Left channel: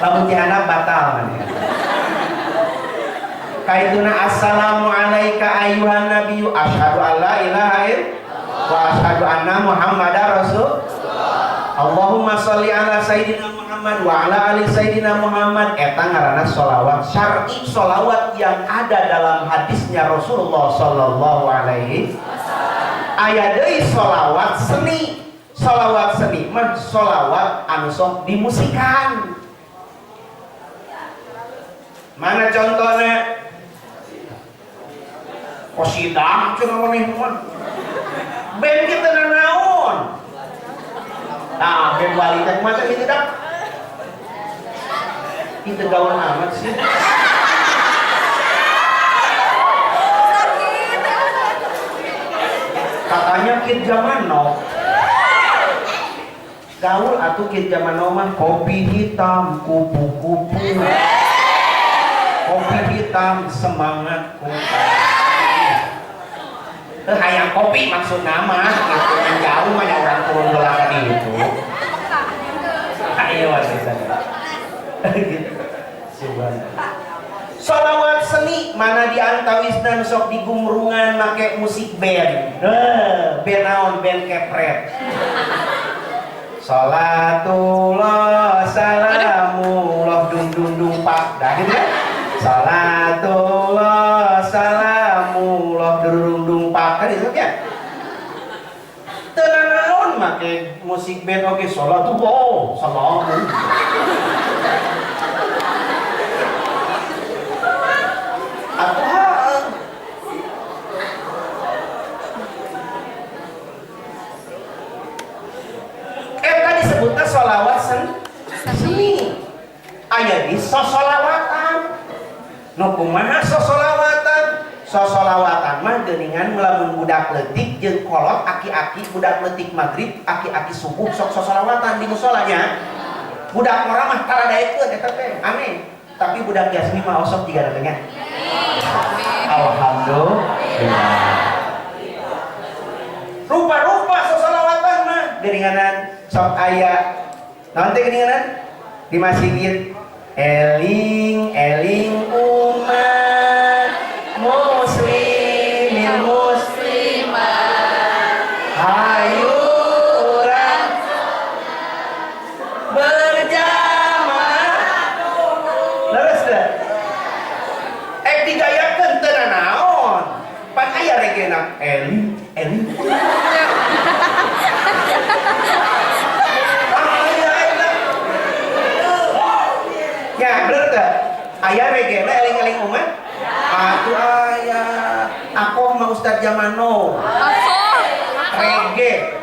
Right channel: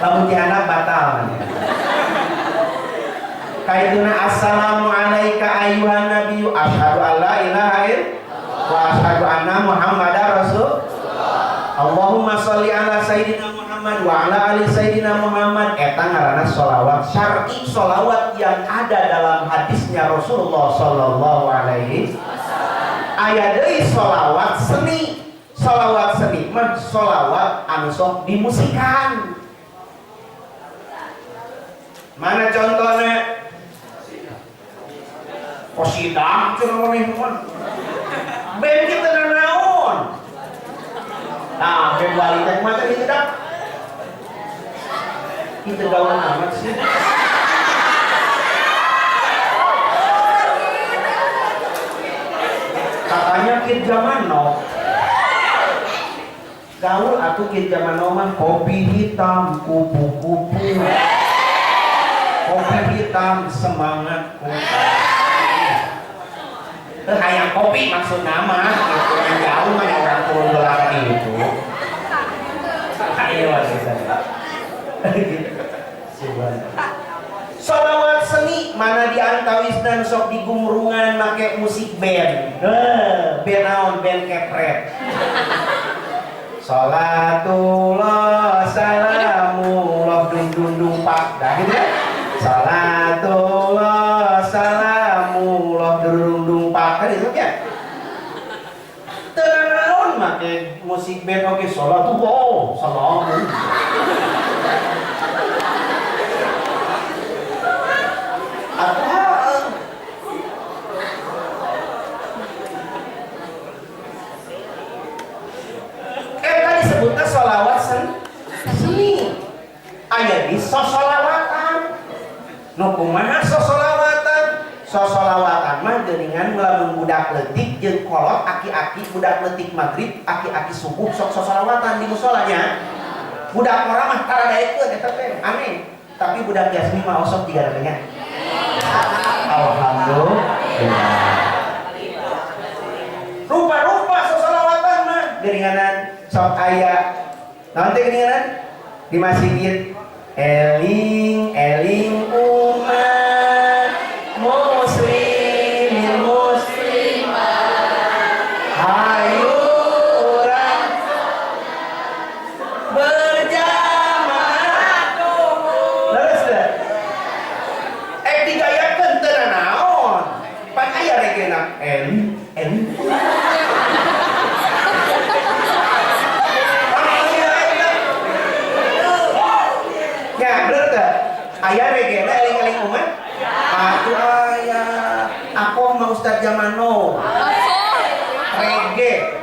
lamun tihanap batal ya. Kaituna assalamu alayka ayyuhan nabiyyu asyhadu an la ilaha illallah wa asyhadu anna muhammadar rasul. Allahumma sholli ala sayyidina Muhammad wa ala ali sayyidina Muhammad. Eta ngaranna sholawat syar'i, sholawat yang ada dalam hadisnya Rasulullah sallallahu alaihi wasallam. Aya deui sholawat seni. Sholawat seni mah sholawat anu sok dimusikan. Mana contohnya? Qasidah cenah maneh mah. Ben kita naon? Nah, ben wali teh mah teh dak. Itu gaul amat sih. Katanya kid zaman now. Gaul atuh kid zaman now mah kopi hitam kupu-kupu. Kopi hitam semangat kupu. Hayang kopi maksud nama gitu. Yang jauh mah orang turun belakang itu. Ayo gitu. Sholawat seni mana diantawisna sok digumrungan make musik band. Band naon? Band kepret. Salatullah salamullah dung dung dung pak. Dah gitu kan? Salatullah salamullah dung dung pak. Kan itu kan? Teu naon make musik band oge salatullah salamullah. Disebutnya sholawat seni. Aya di sosolawatan. Nu kumaha sosolawatan? Sosolawatan mah geuningan lamun budak leutik jeung kolot aki-aki budak leutik magrib, aki-aki subuh sok sosolawatan di musolanya. Budak mora mah taradaekeun eta teh aneh. Tapi budak jasmi mah osok digaranteunnya. Alhamdulillah. Rupa-rupa sosolawatan mah geuninganan sok aya nanti geuninganan di masjid eling eling umat muslimin muslimat hayu urang berjamaah leres teh digayakeun teu naon pan aya regena eling eling aya regena eling-eling umat. Atuh aya. Aku mah Ustaz zaman now. Reggae.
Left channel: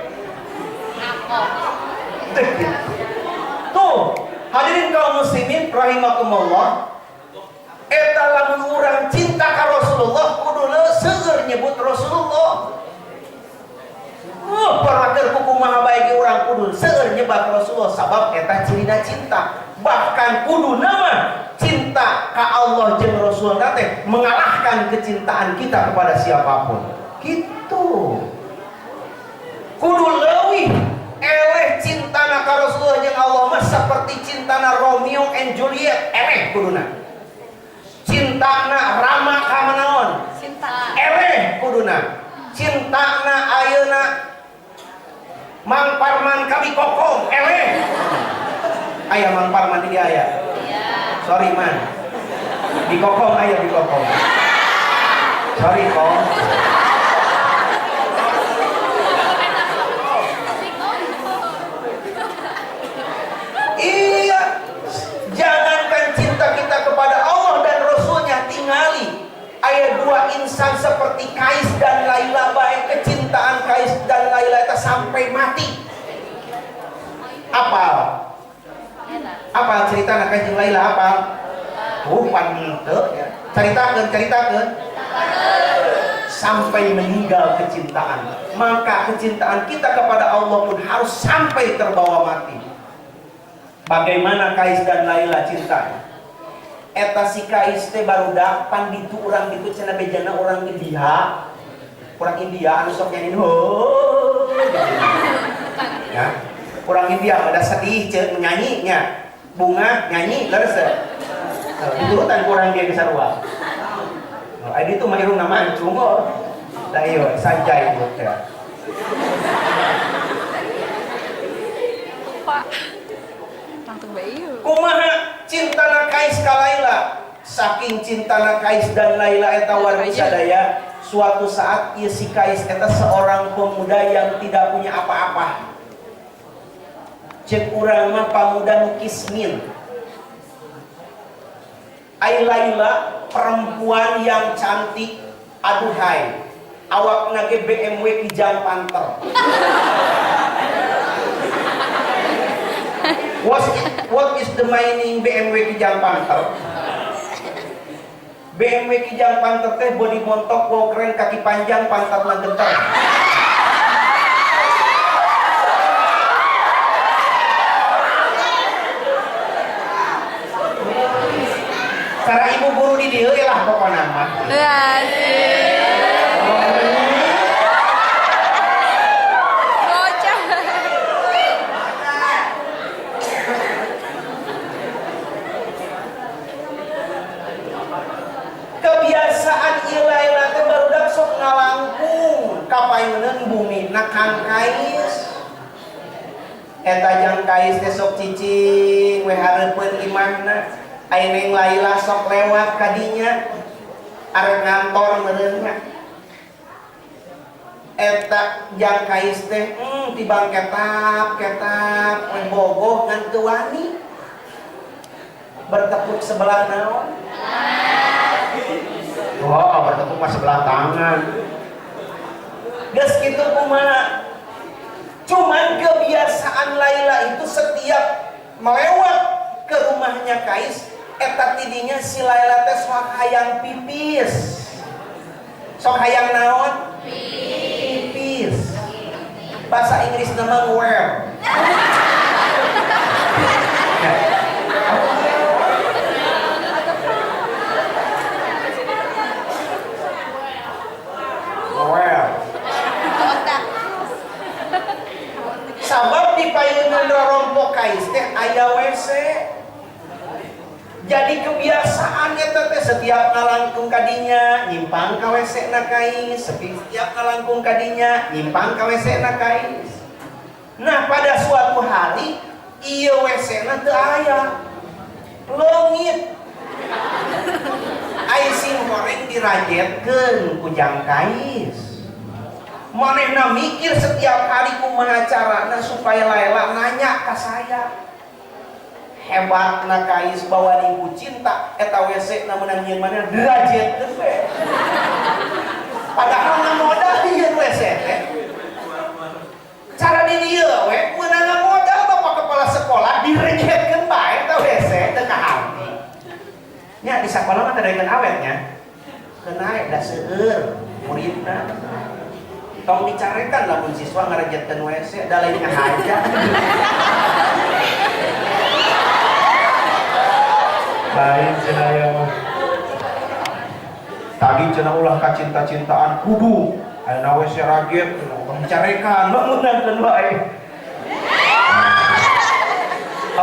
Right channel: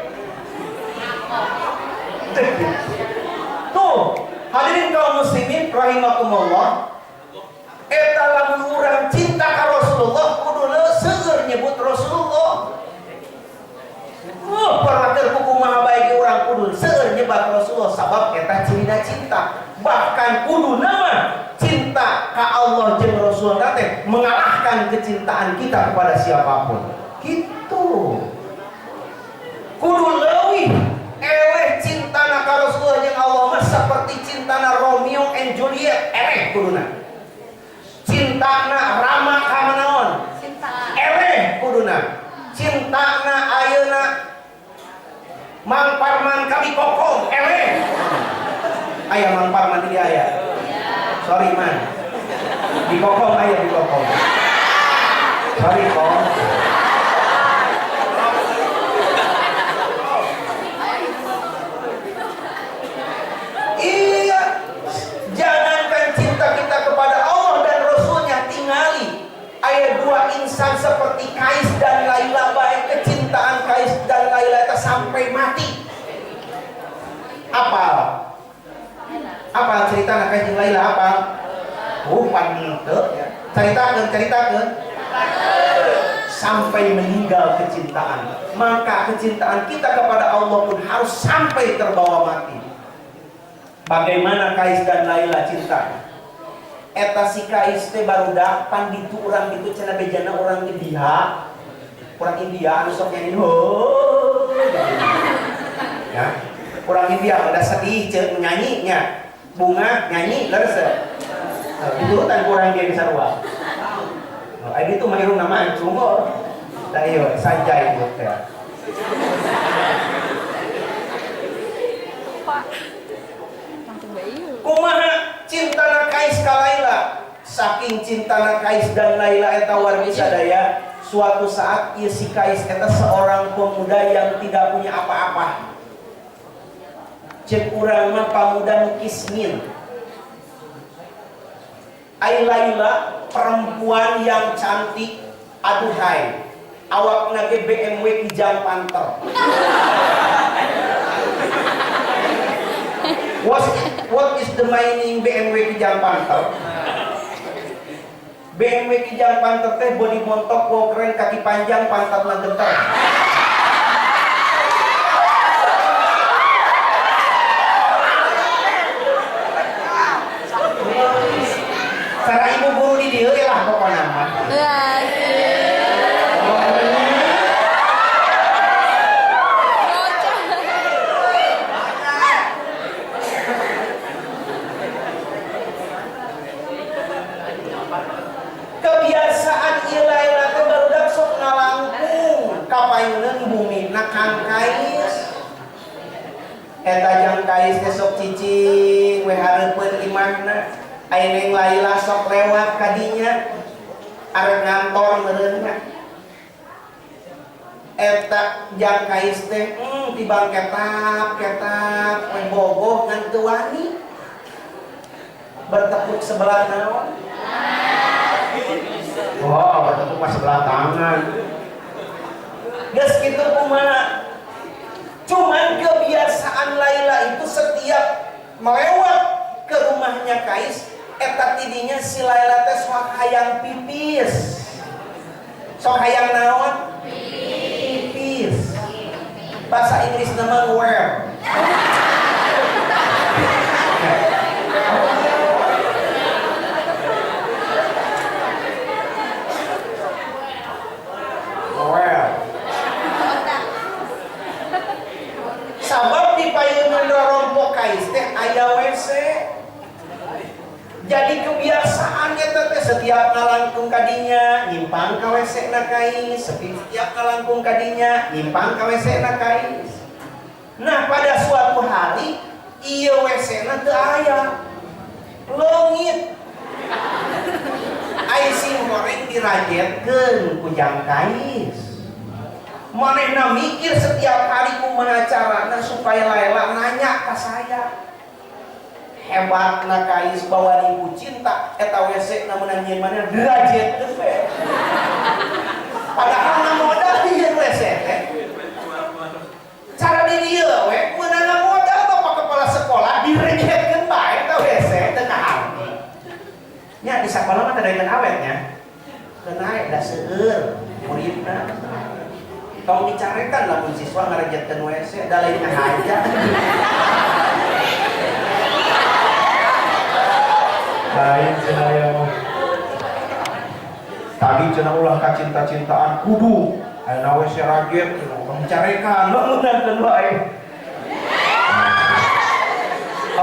Tuh, hadirin kaum muslimin rahimakumullah. Eta lamun urang cinta ka Rasulullah kudu seueur nyebut Rasulullah. Perwakilan hukum maha baik urang kudu seueur nyebat Rasulullah sabab eta cirina cinta. Bahkan kudu nama cinta ka Allah jeung Rasul teh mengalahkan kecintaan kita kepada siapapun. Gitu. Kudu leuwih eleh cintana ka Rasulullah jeung Allah mah seperti cintana Romeo and Juliet eleh kuduna. Cintana Rama ka manaon? Cinta. Eleh kuduna. Cintana ayeuna Mang Parman ka Bikokong eleh. Aya Mang Parman dia aya. Sorry man. Bikokong aya Bikokong. Sorry kong. Iya. Jangankan cinta kita kepada Allah dan Rasulnya, tingali aya dua insan seperti Kais dan Laila, baik kecintaan Kais dan Laila itu sampai mati. Apa cerita anak Kais jeung Laila apa? Pan teu ya. Caritakeun. Sampai meninggal kecintaan. Maka kecintaan kita kepada Allah pun harus sampai terbawa mati. Bagaimana Kais dan Laila cinta? Eta si Kais teh barudak pan ditu urang ditu cenah bejana urang India. Urang India anu sok nyanyi ho. Ya. Kurang biang ada sedih cek nyanyinya. Bunga nyanyi leres. Diturutan kurang dia bisa ruang. Adi itu mah irung nama cungol. Da ieu sanjay ieu teh. Kumaha cintana Kais ka Laila? Saking cintana Kais dan Laila eta wargi sadaya, suatu saat ieu si Kais eta seorang pemuda yang tidak punya apa-apa. Cek urang mah pamuda nu kismin. Ai Laila perempuan yang cantik, aduhai. Awakna ge BMW Kijang Panther. What is the meaning BMW Kijang Panther? BMW Kijang Panther teh bodi montok, wow keren, kaki panjang, pantatna gentar. Cara ibu guru di dieu lah pokona mah. Kebiasaan Ilaila teh barudak sok ngalangkung kapayeuneun bumi na Kang Kais. Eta jang Kais teh sok cicing we hareupeun imahna. Aineng Laila sok lewat kadinya arep ngantor meureunnya. Eta jang Kais teh tibang ketap we bogoh ngan teu wani. Bertepuk sebelah naon? Oh, bertepuk mah sebelah tangan. Geus kitu kumaha? Cuman kebiasaan Laila itu setiap melewat ke rumahnya Kais, eta tidinya si Laila teh sok hayang pipis. Sok hayang naon? Pipis. Bahasa Inggris nama where. Sabab di payeunan rorompo Kais teh aya WC. Jadi kebiasaan eta teh setiap ngalangkung kadinya nyimpang ka WC na Kais, setiap ngalangkung kadinya nyimpang ka WC na Kais. Nah, pada suatu hari ieu WC na teu aya. Leungit. Ai sim goreng dirajetkeun ku jang Kais. Manehna mikir setiap hari kumaha carana supaya Laila nanya ka saya. Hebatna Kais bawa ibu cinta eta WC na meunang nyeun mana dirajetkeun we. Padahal na modal dieun WC teh. Cara di dieu we meunang modal bapak kepala sekolah dirajetkeun bae eta WC teu kahamti. Nya di sakola mah teu daekeun awetnya. Kenae da seueur muridna. Tong dicarekan lamun siswa ngarajetkeun WC da lain ngahaja. Lain cenah ya mah. Tadi cenah ulah ka cinta-cintaan kudu ayeuna WC rajet urang dicarekan bangunan wae.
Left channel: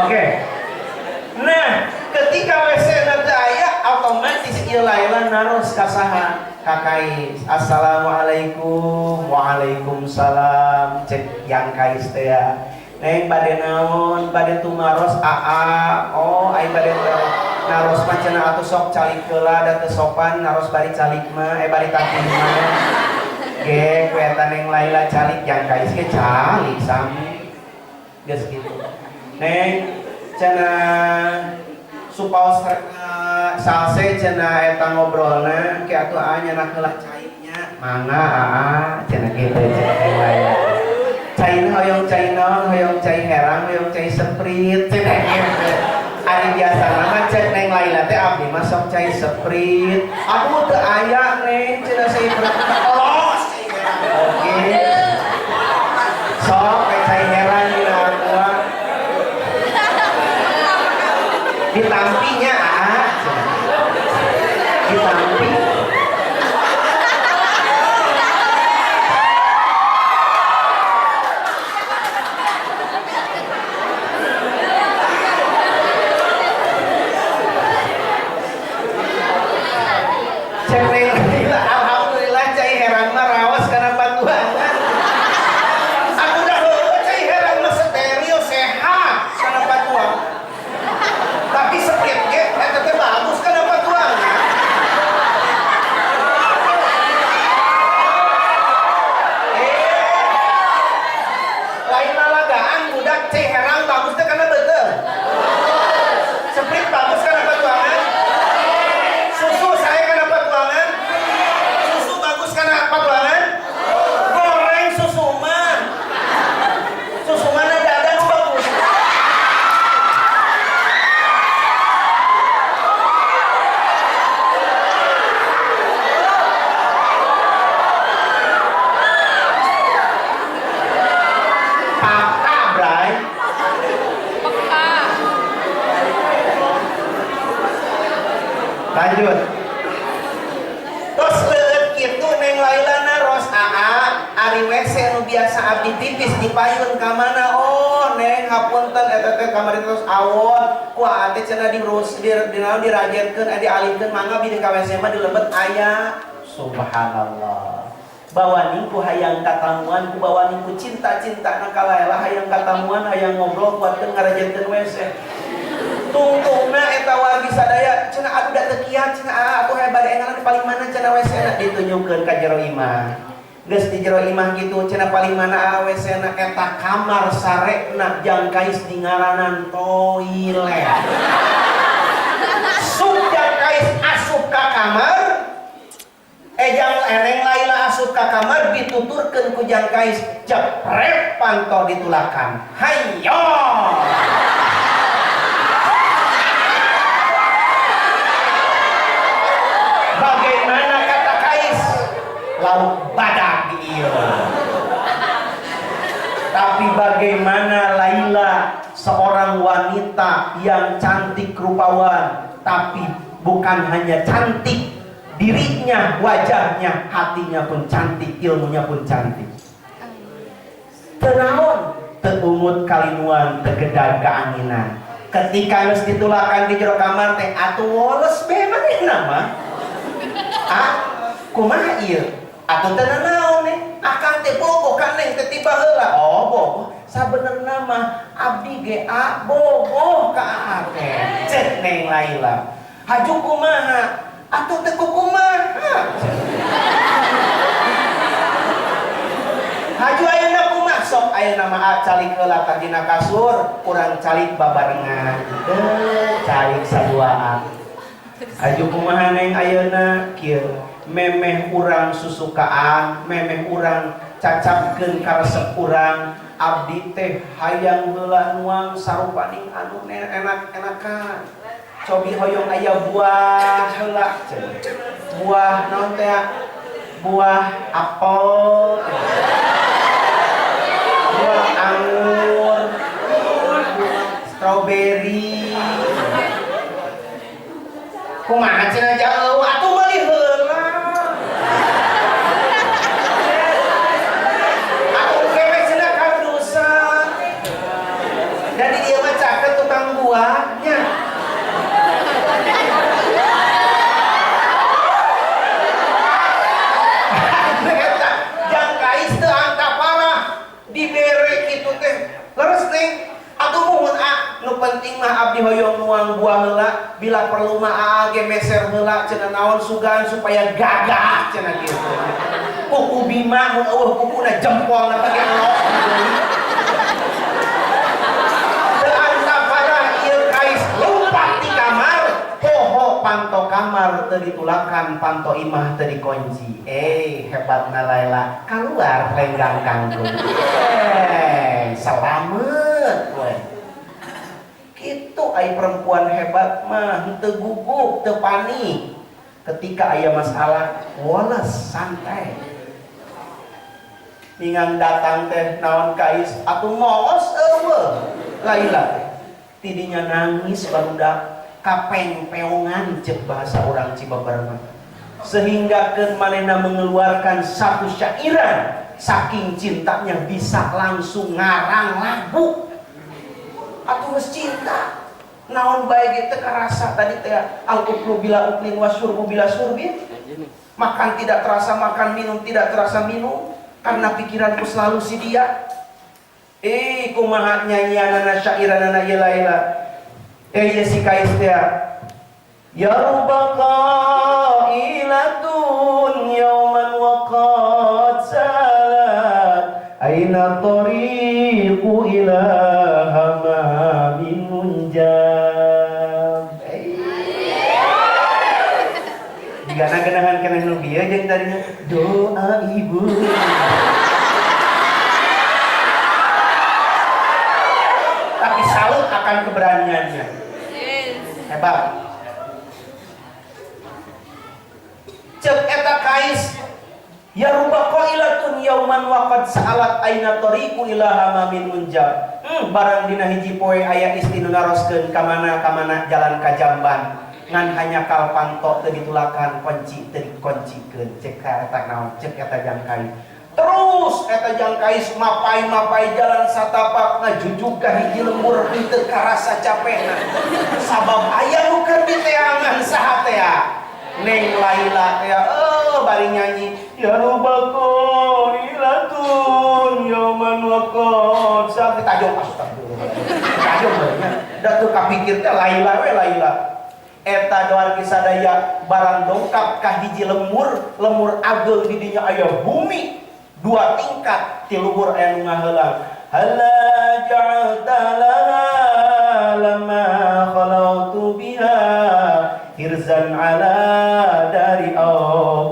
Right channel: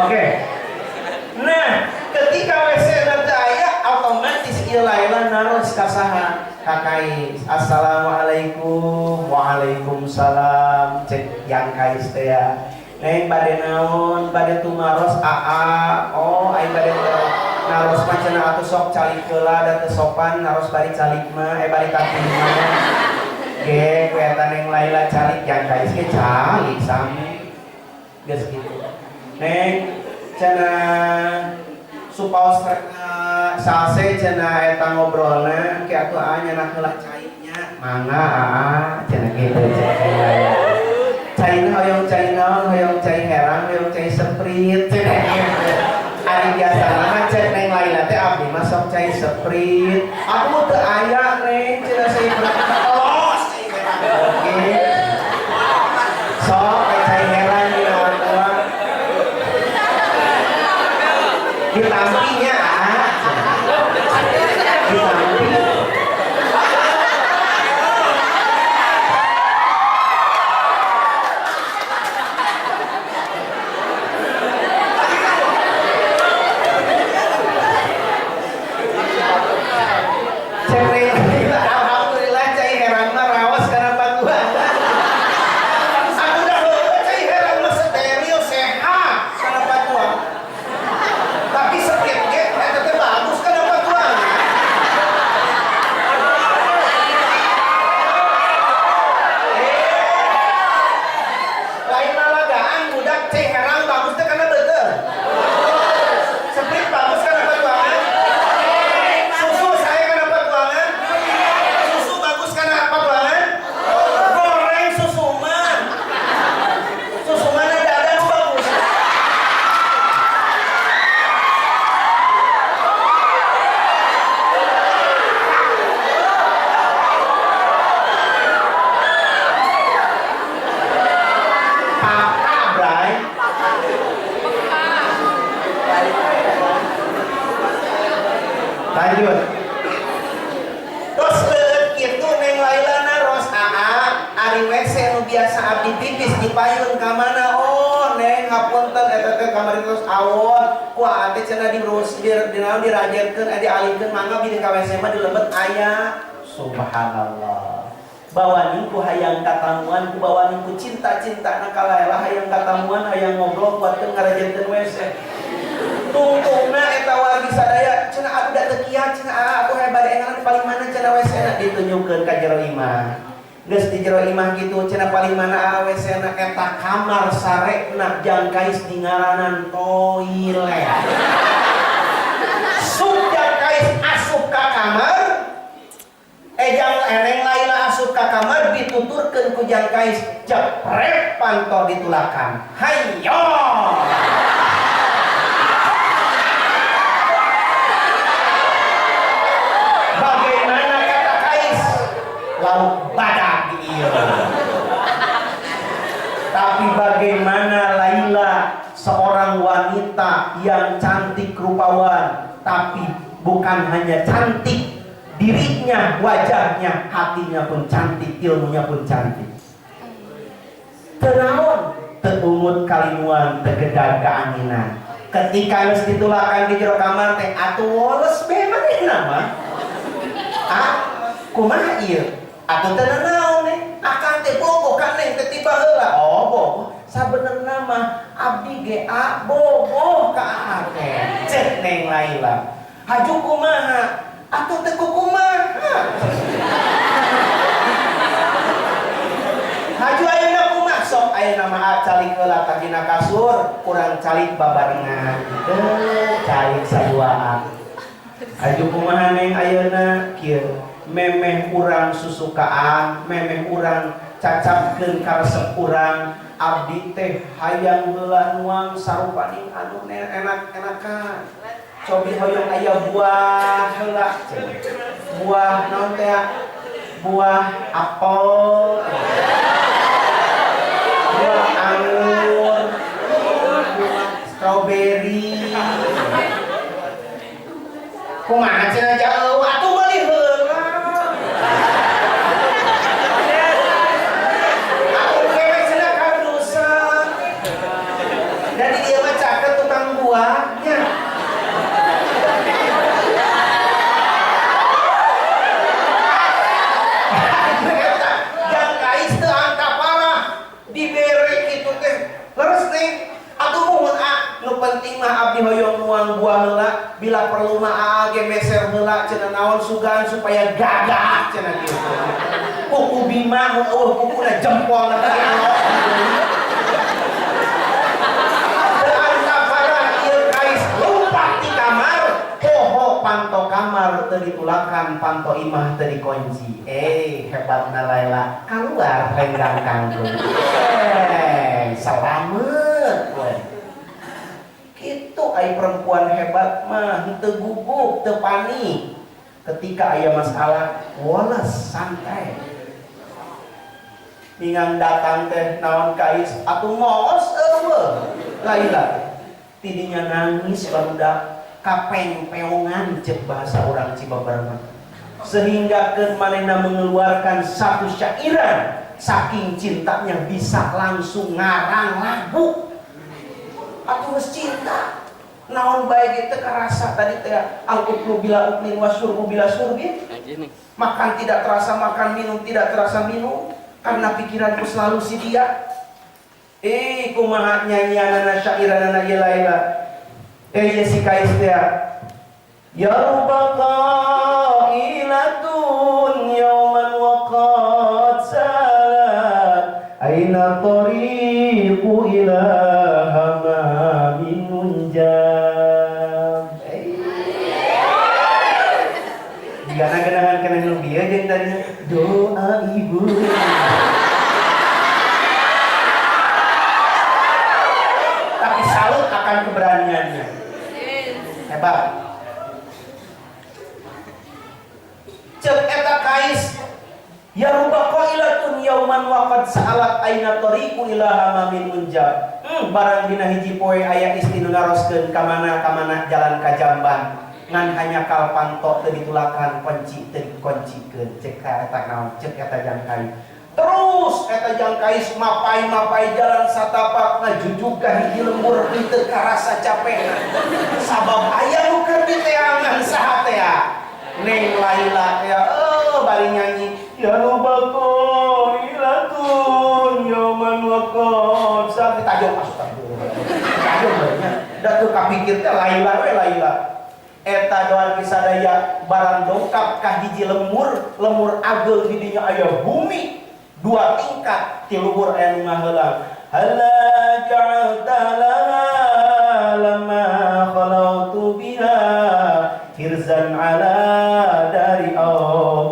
Oke. Nah, ketika WC na teu aya otomatis ieu Laila naros ka saha? Ka Kais. Assalamualaikum. Waalaikumsalam. Cek yang Kais teh ya. Neng bade naon? Bade tumaros aa. Oh, ai bade naros mah cenah atuh sok calik heula da teu sopan naros bari calik mah bari tapih mah. Ge, ku eta Neng Laila calik yang Kais ge calik sami. Geus kitu. Neng cenah supaos salse cenah eta ngobrolna ki atuh nyeunah heula cairnya mangga cenah kitu cenah. Cair hoyong cai naon, hoyong cai herang, hoyong cai seprit cenah kitu. Ari biasana mah cek Neng Laila teh abdi mah sok cai seprit. Aduh teu aya Neng cenah seprit. Oh, cai herang oge. Sok cai herang di lawa. Ditampinya ditampi. Lanjut. Terus leut kitu Neng Laila naros ari WC nu biasa abdi pipis dipayun ka mana? Oh Neng hapunten eta teh kamari terus awon ku ate cenah diurus dirajenkeun dialihkeun mangga bini ka WC mah dilebet aya. Subhanallah. Bawaning ku hayang katamuan ku bawaning ku cinta-cinta na ka Laila hayang katamuan hayang ngobrol kuatkeun ngarajenkeun WC. Tungtungna eta wargi sadaya cenah aduh da teu kiat cenah aku hayang bari engan paling mana cenah WC-na ditunjukkeun ka jero imah. Geus di jero imah kitu cenah paling mana WC-na eta kamar sarekna jangkais di ngaranan toilet. Sup jangkais asup ka kamar ejang Neng Laila asup ka kamar dituturkeun ku jangkais jeprep panto ditulakan. Hayyo. Bagaimana kata Kais? Lauk badak iya. Tapi bagaimana Laila seorang wanita yang cantik rupawan, tapi bukan hanya cantik dirinya, wajahnya, hatinya pun cantik, ilmunya pun cantik. Tenaon, teumut kalinuan, tegedag keanginan. Ketika geus ditulakan di jero kamar teh atuh woles be manehna mah. Kumaha ieu? Atuh teh naon nih? Akang teh bobo kan neng teh tiba heula. Oh bobo. Sabenerna mah abdi ge bobo ka akeh. Cek Neng Laila. Haju kumaha? Atuh teh kumaha? Haju ayeuna kumaha? Sok ayeuna mah calik heula ka dina kasur, kurang calik babarengan. Calik saduaan. Aju kumaha Neng ayeuna kieu memeh urang susukaan memeh urang cacapkeun ka resep urang abdi teh hayang heula nuang sarupaning anu enak-enakan cobi hoyong aya buah heula buah naon teh buah apel buah anggur buah strawberry kumaha cenah jauh atuh meuli heula atuh kewe cenah kadusan dan ieu mah caket tukang buahnya jangkais teu angka parah dibere kitu teh leres Neng atuh muhun nu penting mah abdi hoyong nuang buah heula bila perlu mah ge meser heula cenah naon sugan supaya gagah cenah kitu. Kuku bima mun eueuh kukuna jempolna teh elok. Teu anta parah ieu Kais lumpat di kamar, poho panto kamar teu ditulakan, panto imah teu dikunci. Hebatna Laila, kaluar lenggang kangkung. Salamet we. Itu ai perempuan hebat mah henteu guguk, teu panik. Ketika aya masalah, woles santai. Ningang datang teh naon Kais, atuh moos eueuh. Laila tidinya nangis barudak kapeng-peongan ceuk bahasa urang Cibeber mah. Sehingga keun manehna mengeluarkan satu syairan saking cintanya bisa langsung ngarang lagu. Atuh geus cinta naon bae ge teu karasa tadi teh al-uklu bila uklin wasyurbu bila syurbin. Makan tidak terasa makan, minum tidak terasa minum karena pikiranku selalu si dia. Kumaha nyanyianana syairanana ieu Laila. Ieu si Kais teh ya rubqa ilatun yauman waqad salat aina tariqu ila hamamin munjab. Gana-ganahan kana nu bieu jeung tadinya doa ibu. Tapi salut akan keberaniannya. Hebat. Cek eta Kais ya rubba qailatun yauman waqad sa'alat aina tariqu ila hamamin munjab. Barang dina hiji poe aya istri nu ngaroskeun ka mana jalan ka jamban. ngan hanya kalpanto teu ditulakan kunci teu dikuncikeun cek eta naon cek eta jangkai terus eta jangkai mapai jalan satapak ngajujug ka hiji lembur teu karasa capekna sabab aya nu keur diteangan saha teh Neng Laila teh bari nyanyi ya rubako ilatun yaman waqad sa ditajong astagfirullah tajong barunya da teu kapikir teh Laila we Laila eta doan kisadaya barang dongkap ka hiji lemur ageng di dinya aya bumi 2 tingkat ti luhur aya nu ngaheulang halla ja'alta laha lama khalautu biha hirzan ala dari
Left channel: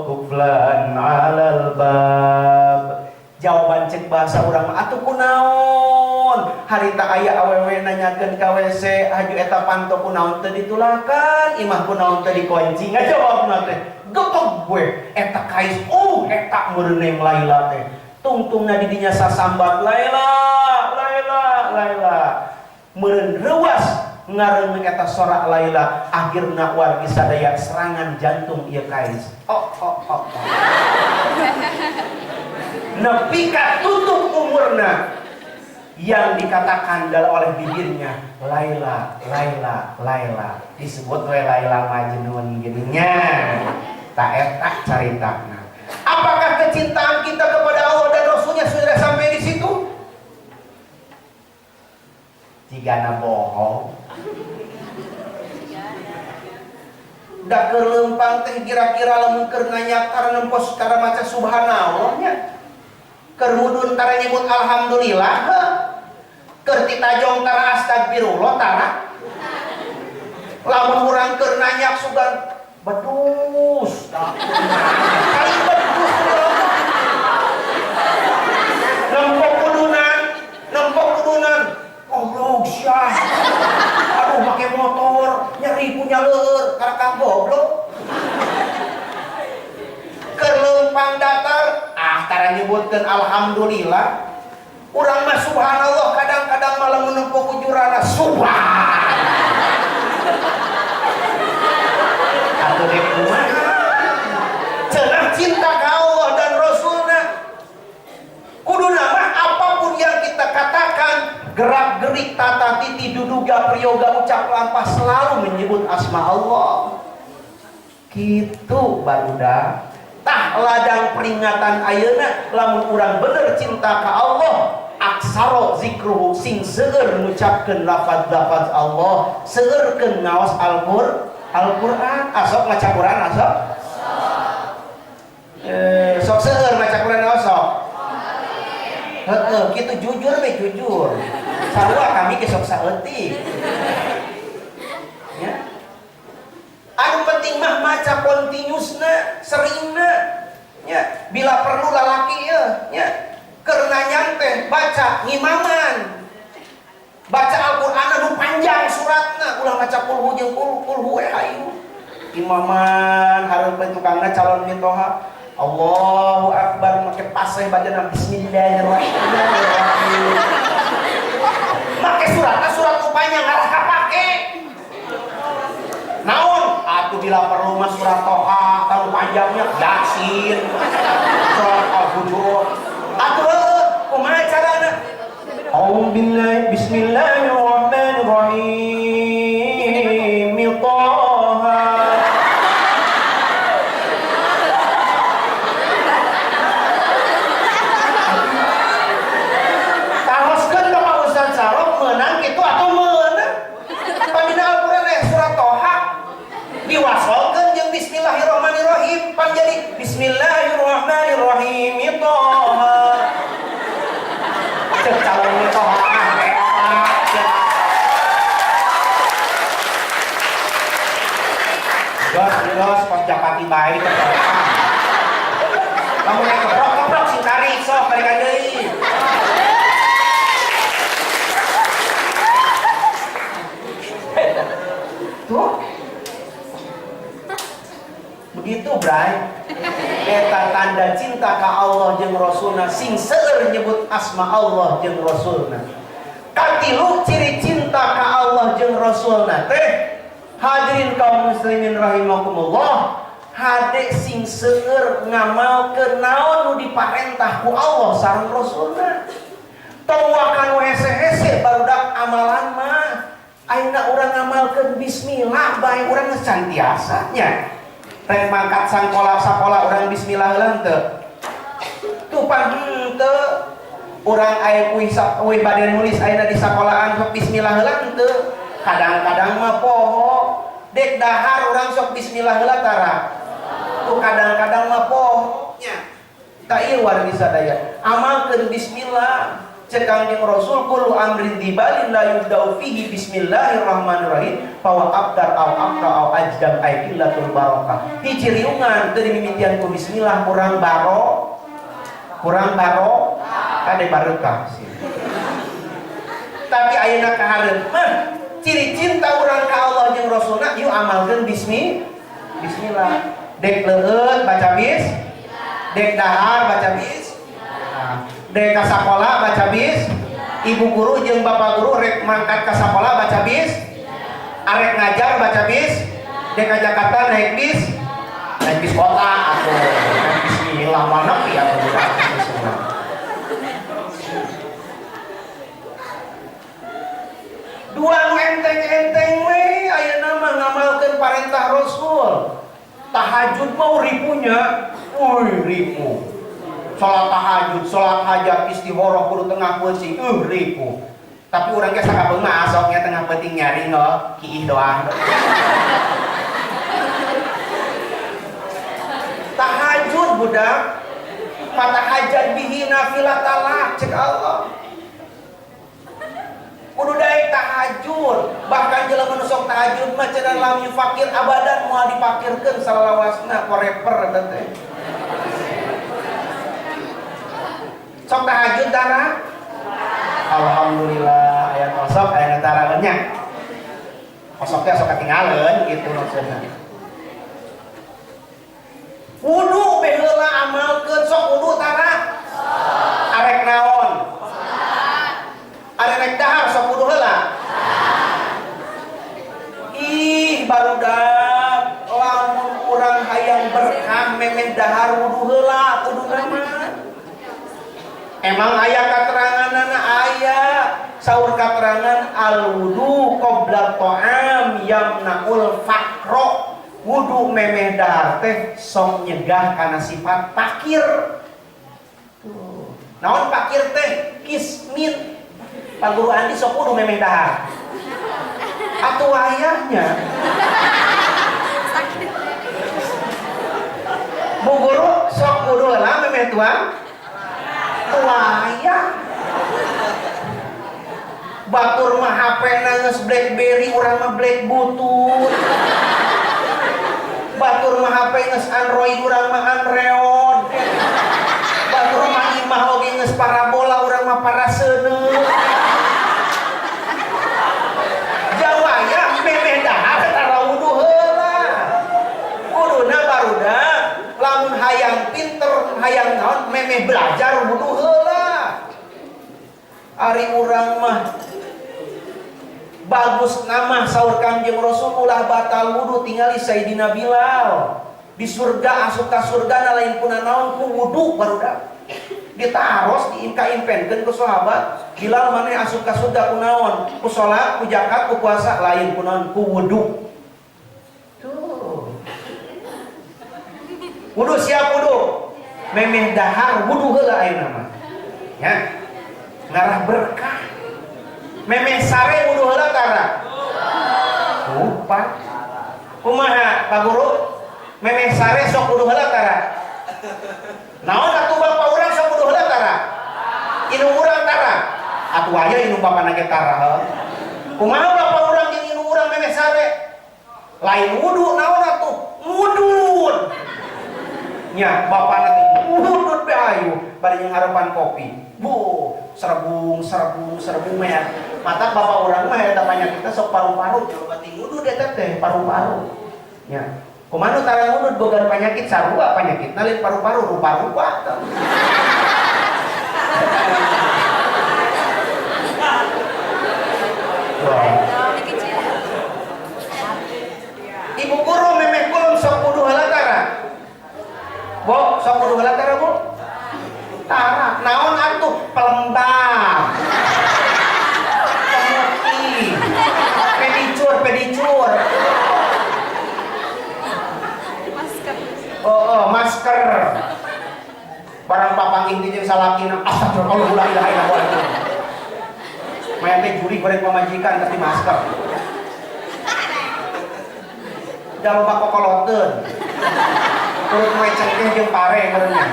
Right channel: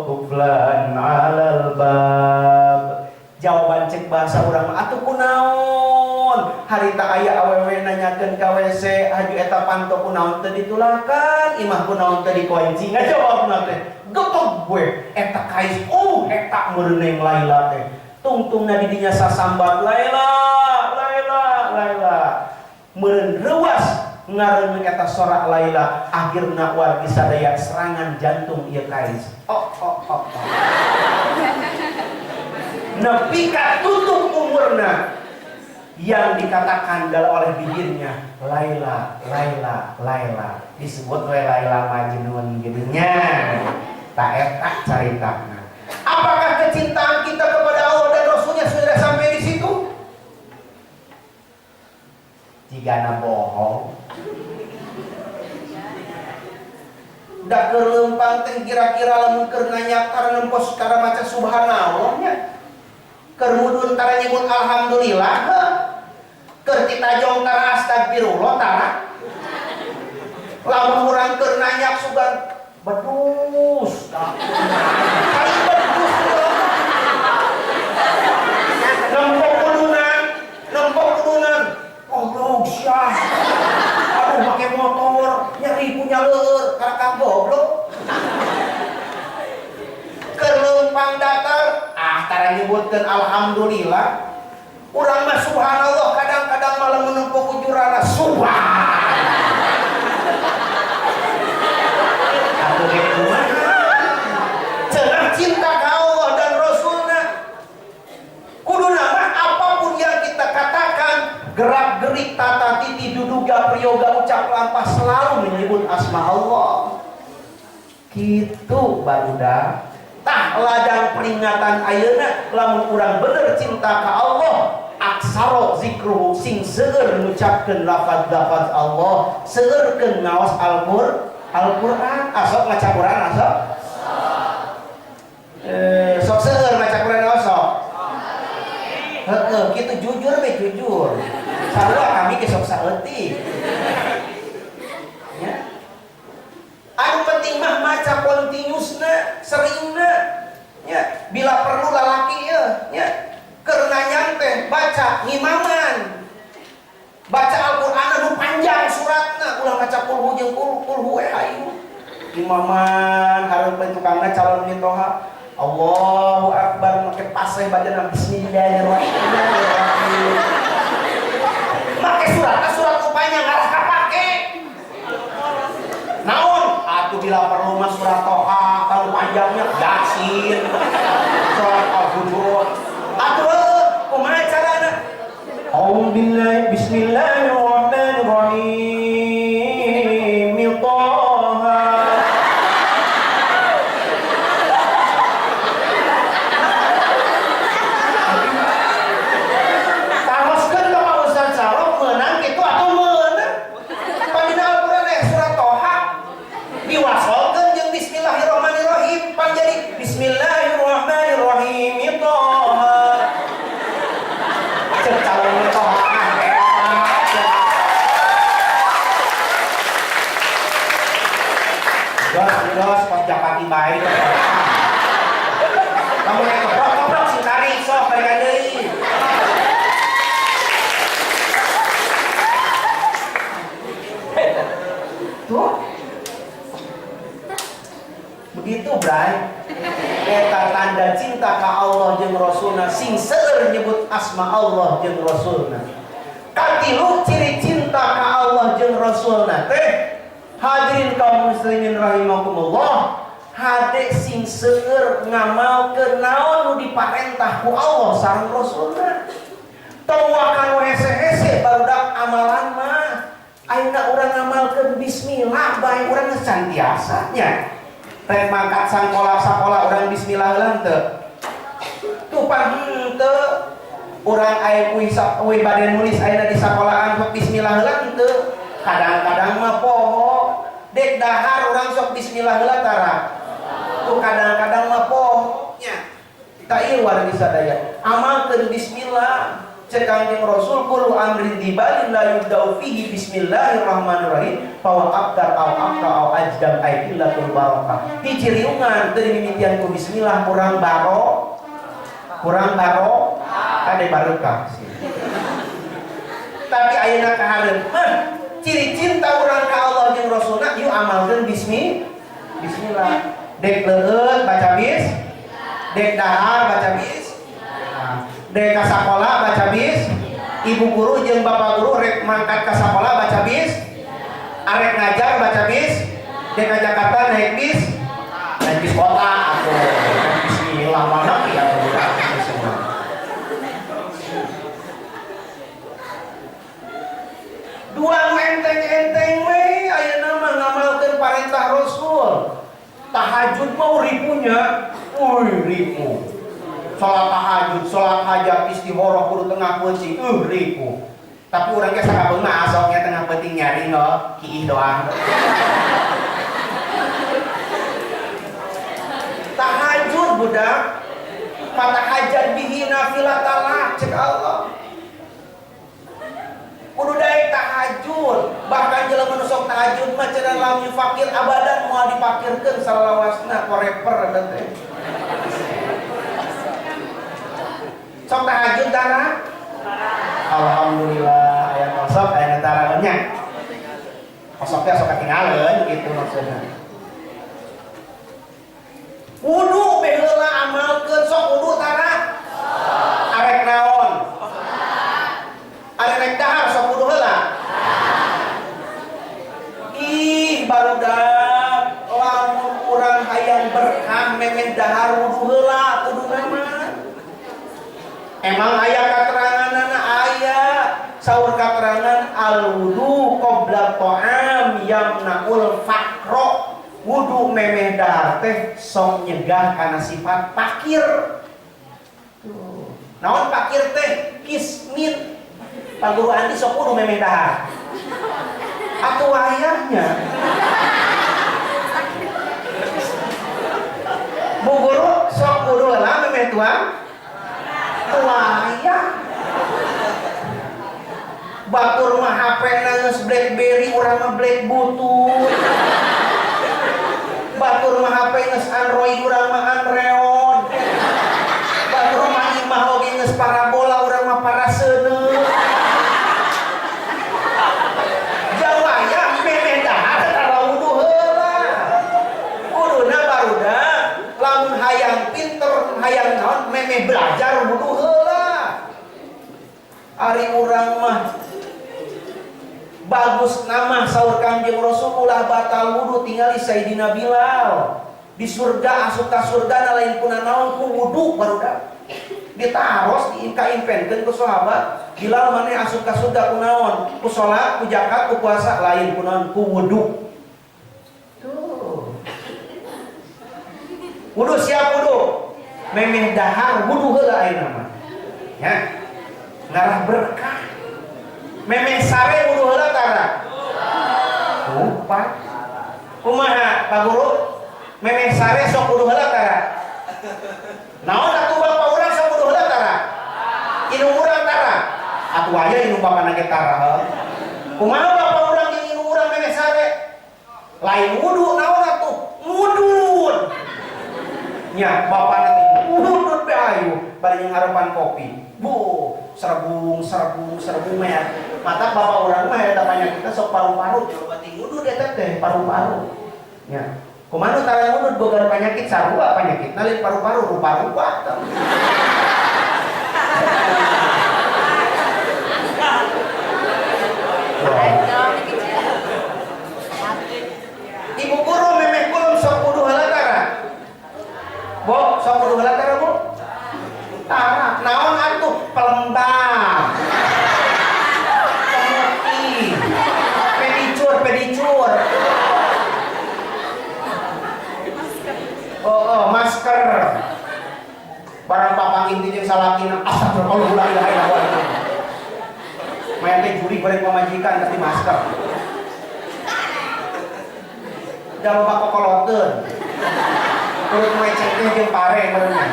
kuflan alal bab jawaban cek bahasa urang mah atuh kunaon harita aya awewe nanyakeun ka WC haju eta panto kunaon teu ditulakan imah kunaon teu dikunci ngajawabna teh gepeg gue eta kais eta meureun Neng Laila teh tungtungna di dinya sasambat Laila meureun reuas ngareung eta sorak Laila akhirna wargi sadaya serangan jantung ieu kais nepi ka tutup umurna yang dikatakan oleh bibirnya Laila disebut we Laila Majnun gitunya tak etak caritana. Apakah kecintaan kita kepada Allah dan Rasulnya sudah sampai di situ? Jigana bohong. Da keur leumpang teh kira-kira lamun keur nganyak karena nempos cara maca subhanallah nya. Keur mudun tara nyebut alhamdulillah heuh. Keur ditajong tara astagfirullah tara. Lamun urang keur nanyak sugan bedus kali bedus nempok kudunan goblok syah aduh make motor nyari punya leur karakang goblok kelempang datar tara nyebutkeun alhamdulillah urang mah subhanallah kadang-kadang malah menempok ujurana subhan cenah cinta ke Allah dan Rasulnya kuduna mah apapun yang kita katakan gerak gerik tata titi duduga priyoga ucap lampah selalu menyebut asma Allah gitu barudak tah ladang peringatan ayeuna lamun urang bener cinta ke Allah aksaro zikruhu sing seueur ngucapkeun lafaz-lafaz Allah seueurkeun ngaos Al-Quran, asok maca Quran asok? Sok seueur maca Quran asok? Heeh, kitu jujur we jujur. Sarua kami ge sok saeutik. Ya. Anu penting mah maca kontinusna, seringna. Ya, bila perlu lalaki ya. Keur nanyang teh baca ngimaman. Baca Al-Quran anu panjang suratna ulah maca kulhu jeung kulhu we hayu imaman hareupeun tukangna calon mitoha Allahu Akbar make paseh bacana bismillahirrahmanirrahim make suratna surat nu panjang ngarah kapake naon atuh bila perlu mah surat Toha kalau panjangnya Yasin surat Al-Hujurat atuh kumaha carana A'udzu billahi bismillahirrahmanirrahim Taha Taroskeun ka Pak Ustaz Sarok meunang kitu atuh meunang Pandina Al-Qur'an surat Toha diwasolkeun jeung bismillahirrahmanirrahim pan jadi bismillahirrahmanirrahim Taha calon mitoha Dos pas japati bae keprokan. Kamu naik keprok sing tarik sok balikan deui. Tuh. Begitu, Bray. Eta tanda cinta ka Allah jeung Rasulna sing seueur nyebut asma Allah jeung Rasulna. Katilu ciri cinta ka Allah jeung Rasulna teh Hadirin kaum muslimin rahimakumullah, hade sing seueur ngamalkeun naon nu diparentah ku Allah sareng Rasulna. Tong wakanu hese-hese barudak amalan mah ayeuna urang ngamalkeun bismillah bae urang santiasa nya. Rek mangkat sakola urang bismillah heula teu. Tupan henteu urang aya kuy bade nulis ayeuna di sakolahan sok bismillah heula teu. Kadang-kadang mah poho dek dahar orang sok bismillah heula tara. Tuh kadang-kadang mah poho nya. Ta ieu wargi sadaya. Amalkeun bismillah. Cek Kangjeng Rasul kullu amrin tibalin la yubda'u fihi bismillahirrahmanirrahim fa abdar au abqa au ajdam ay illatul barakah. Hiji riungan teu dimimitian ku bismillah kurang baro. Kade barokah sih. Tapi ayeuna kahareun mah ciri cinta orang ke Allah jeung Rasulna yuk amalkeun bismillah. Dek leueut baca bis, dek dahar baca bis, dek ka sakola baca bis, ibu guru jeung bapak guru rek mangkat ka sakola baca bis, arek ngajar baca bis, dek ka Jakarta naik bis kota atuh naik bismillah mana piye atuh budak. Dua enteng-enteng we ayeuna mah ngamalkeun parentah Rasul. Tahajud mau ripunya, ribu. Salat tahajud, salat hajat, istikharah kudu tengah peucing, ribu. Tapi urang ge sakabeung mah asoknya tengah peuting nyaring kiih doang. Tahajud budak, fatahajat bihi nafilatallah cek Allah. Kudu daek tahajud, bahkan jelema nu sok tahajud mah cenah lam fakir abadan moal dipakirkeun salawasna koreper eta teh. Sok tahajud dana? Alhamdulillah aya kosok aya netara nya. Kosoknya sok ketinggalan gitu maksudna. Wudu baheula amalkeun sok wudu tara. Arek naon? Arek rek dahar sok wudu heula. Ih barudak lamun urang hayang berkah memeh dahar wudu heula kuduna mah. Emang aya kateranganna aya saur katerangan al wudu qabla ta'am yamnaul faqra. Wudu memeh dahar teh sok nyegah kana sifat pakir. Tuh. Naon pakir teh? Kismin. Pak Guru Andi sok kudu memeh dahar. Atuh ayahnya. Bu Guru sok kudu heula memeh tuang. Ayah. Batur mah HP na geus BlackBerry, urang mah Black Butut. Batur mah HP geus Android, urang mah Android. Batur mah imah oge geus parabola, urang mah paraseuneu. Jawaya memeh dahar tara wudu heula. Kuduna barudak lamun hayang pinter, hayang naon memeh belajar wudu heula. Ari urang mah bagus nama saur Kangjeng Rasul ulah batal wudu tingali Sayyidina Bilal. Di surga asup ka surga lain puna naon ku wudu barudak. Ditaros diimka-impenkeun ku sahabat. Bilal maneh asup ka surga ku naon? Ku salat, ku zakat, ku puasa lain ku naon? Ku wudu. Tuh. Wudu siap wudu. Memeh dahar wudu heula ayeuna mah. Ya. Ngarah berkah. Memeh sare wudu heula tara? Lupa. Kumaha Pak Guru? Memeh sare sok wudu heula tara? Naon atuh bapak urang sok wudu heula tara? Inung urang tara? Atuh aya inung bapana ge tara. Kumaha bapak urang jeung inung urang memeh sare? Lain wudu naon atuh? Mudun. Nya bapana teh mudun be ayu bari ngarepan kopi. Bu, serbung mah. Mata bapak urang mah eta panyakitna sok paru-paru, coba tingudu eta teh paru-paru. Nya. Kumaha tara ngudud boga penyakit sarua penyakitna lain paru-paru, rupa-rupa. salakina astagfirullah la ilaha illallah. Maya teh juri goreng pamajikan tapi masker. Da loba kokoloteun. Urut maya cengkeh jeung pare meureunnya.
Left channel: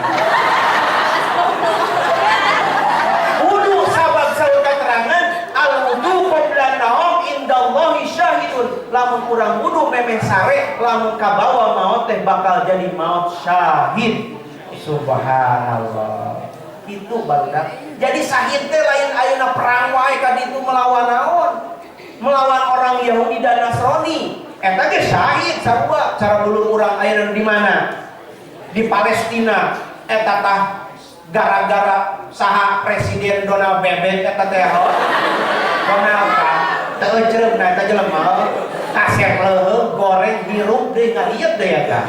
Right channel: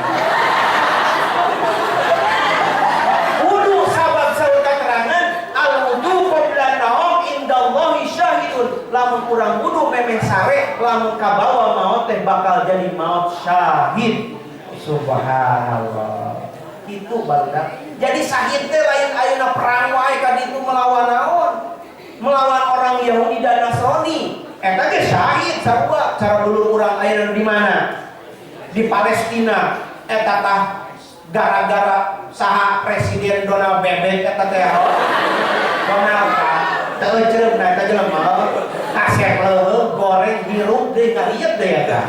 Wudu sabab saur keterangan al-wudu qabla naum indallahi syahidun. Lamun urang wudu memeh sare lamun kabawa maot teh bakal jadi maot syahid. Subhanallah. Itu barudak. Jadi syahid teh lain ayeuna perang wae ka ditu melawan naon? Melawan orang Yahudi dan Nasrani. Eta ge syahid sarua. Cara dulu urang ayeuna di mana? Di Palestina. Eta tah gara-gara saha Presiden Donald Bebek eta teh Donald Trump teu ecereumna eta jelema kasep leuheung goreng hirup deui ngaliet deui eta.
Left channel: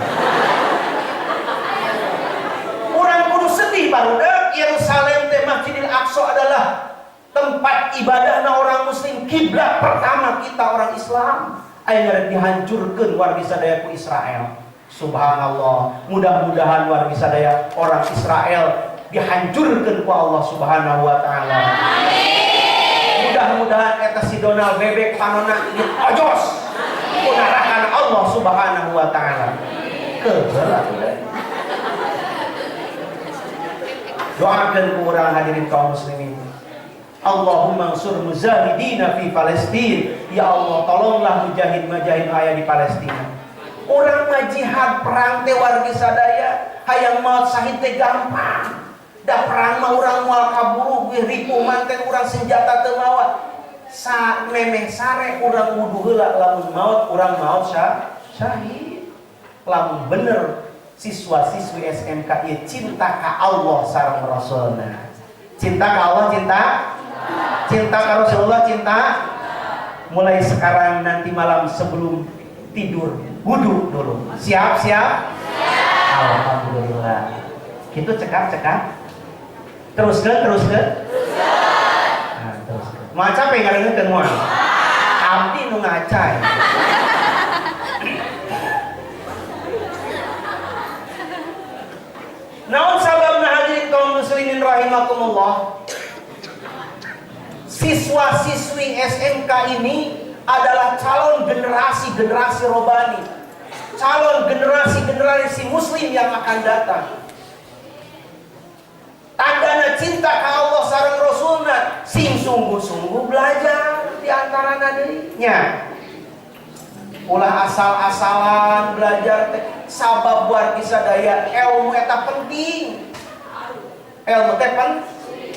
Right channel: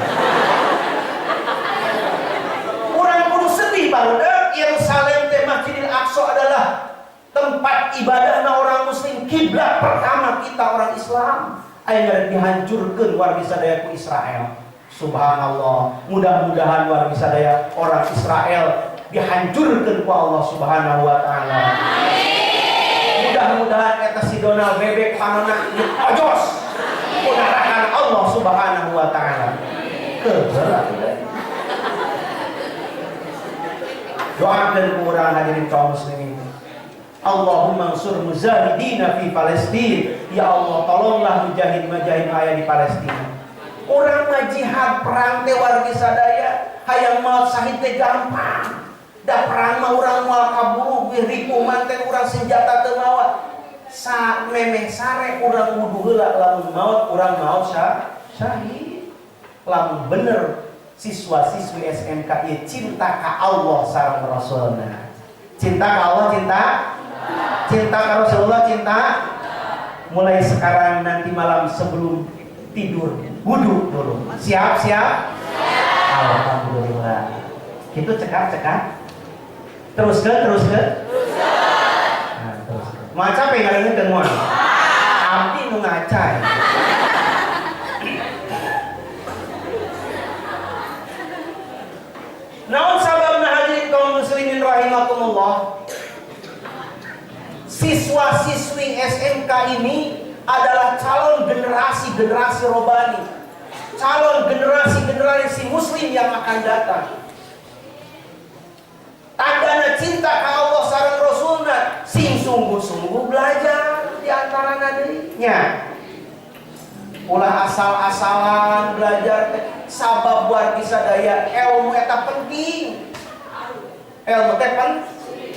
Urang kudu sedih barudak. Yerusalem teh Masjidil Aqsa adalah tempat ibadahna orang muslim, kiblat pertama kita orang Islam. Ayeuna dihancurkeun wargi sadaya ku Israel. Subhanallah. Mudah-mudahan wargi sadaya orang Israel dihancurkeun ku Allah Subhanahu wa taala. Mudah-mudahan eta si Donald Bebek panonna diojos ku neraka Allah Subhanahu wa taala. Kebelah. Doakan kurang hadirin kaum muslimin. Allahumma ansur mujahidina fi Palestin. Ya Allah, tolonglah mujahid-mujahid aya di Palestina. Urang mah jihad perang teh wargi sadaya, hayang maot syahid teh gampang. Da perang mah urang moal kaburu ge ripu manten urang senjata teu mawa. Sa memeh sare urang wudu heula lamun maot urang maot syahid. Lamun bener siswa-siswi SMK ieu cinta ka Allah sareng Rasulna. Cinta ka Allah, cinta ka Rasulullah, cinta. Mulai sekarang nanti malam sebelum tidur wudu dulu. Siap? Alhamdulillah. Kitu cekak. Terus ke? Nah, terus ke. Maca pe ngarengeun moal. Abdi nu ngacai. Naon sababna hadirin kaum muslimin rahimakumullah? Siswa-siswi SMK ini adalah calon generasi robani, calon generasi muslim yang akan datang. Tandana cinta ka Allah sareng Rasulna, sing sungguh-sungguh belajar di antarana deui nya. Ulah asal-asalan belajar teh sabab wargi sadaya ilmu eta penting. Ilmu teh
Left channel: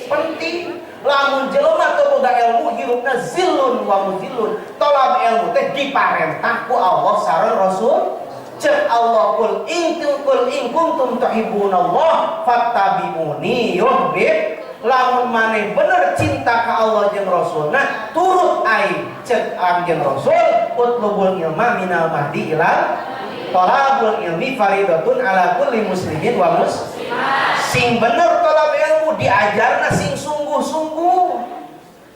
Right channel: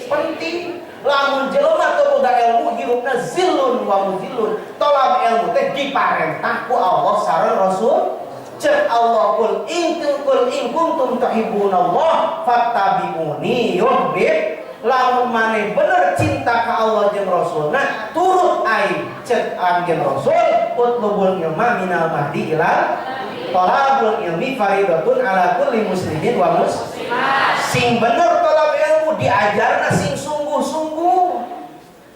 penting. Lamun jelema teu boga ilmu hirupna zillun wa muzillun. Tolab ilmu teh diparentah ku Allah sareng Rasul. Cek Allah kul in kuntum tuhibbunallah fattabi'uni yuhbib. Lamun maneh bener cinta ka Allah jeung Rasulna, turut aing cek anjeun Rasul utlubul ilma minal mahdi ilal talabul ilmi faridatun ala kulli muslimin wa muslimat. Sing bener talab ilmu diajarna sing sungguh-sungguh.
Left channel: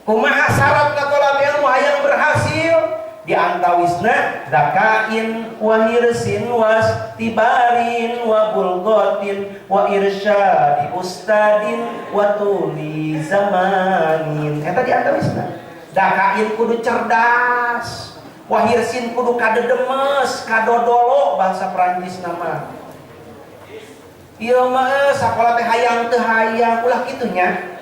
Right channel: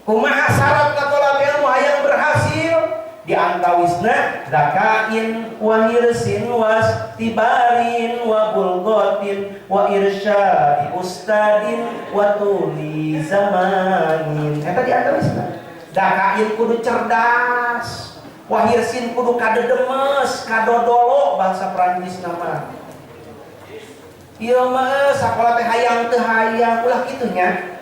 Kumaha syaratna talab ilmu hayang berhasil? Di antawisna zakain wa hirsin was tibarin wa bulghatin wa irsyadi ustadin wa tuli zamanin. Eta di antawisna. Zakain kudu cerdas, wa hirsin kudu kadedemes, kadodolo bahasa Prancis nama. Ieu mah sakola teh hayang teu hayang ulah kitu nya.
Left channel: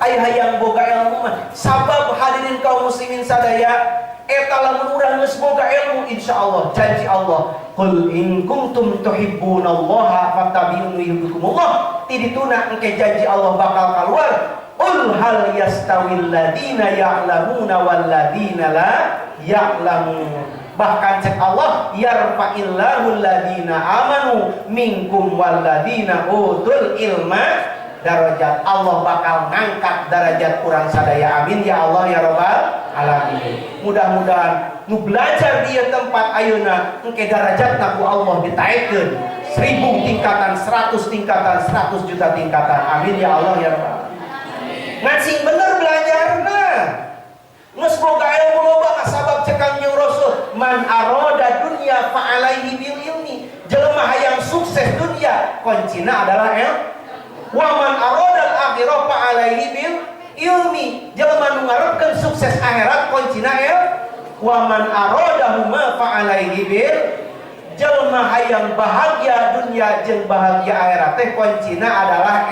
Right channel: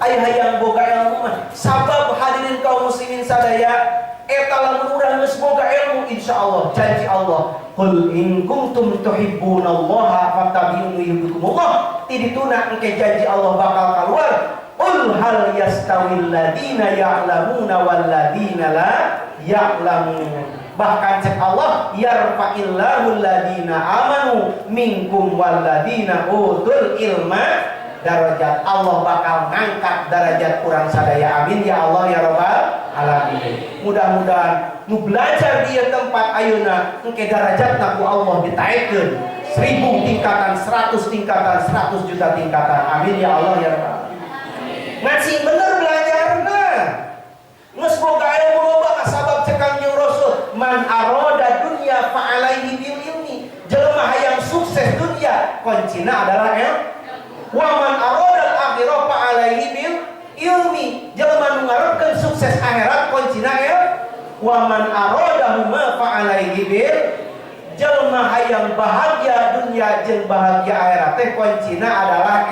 Aya hayang boga ilmu mah sabab hadirin kaum muslimin sadaya eta lamun urang geus boga ilmu insyaallah janji Allah qul in kuntum tuhibbunallaha fattabi'uni yuhibbukumullah. Ti dituna engke janji Allah bakal kaluar qul hal yastawil ladina ya'lamuna wal ladina la ya'lamun. Bahkan cek Allah yarfa'illahu alladina amanu minkum wal ladina utul ilma darajat. Allah bakal ngangkat derajat kurang sadaya. Amin ya Allah ya rabbal alamin. Mudah-mudahan nu belajar di tempat ayeuna engke derajatna ku Allah ditaekeun 1000 tingkatan, 100 tingkatan, 100 juta tingkatan. Amin ya Allah ya rabbal alamin. Ngasih bener belajarna. Geus boga ilmu loba sabab cekang jeung Rasul man arada dunya fa alaihi bil ilmi. Jelema hayang sukses dunia kuncina adalah ilmu. Wa man arada akhirah fa alaihi bil ilmi. Jelema nu ngarepkeun sukses akhirat kuncina ya wa man aradahu ma fa alaihi bil jelema hayang bahagia dunia jeung bahagia akhirat teh kuncina adalah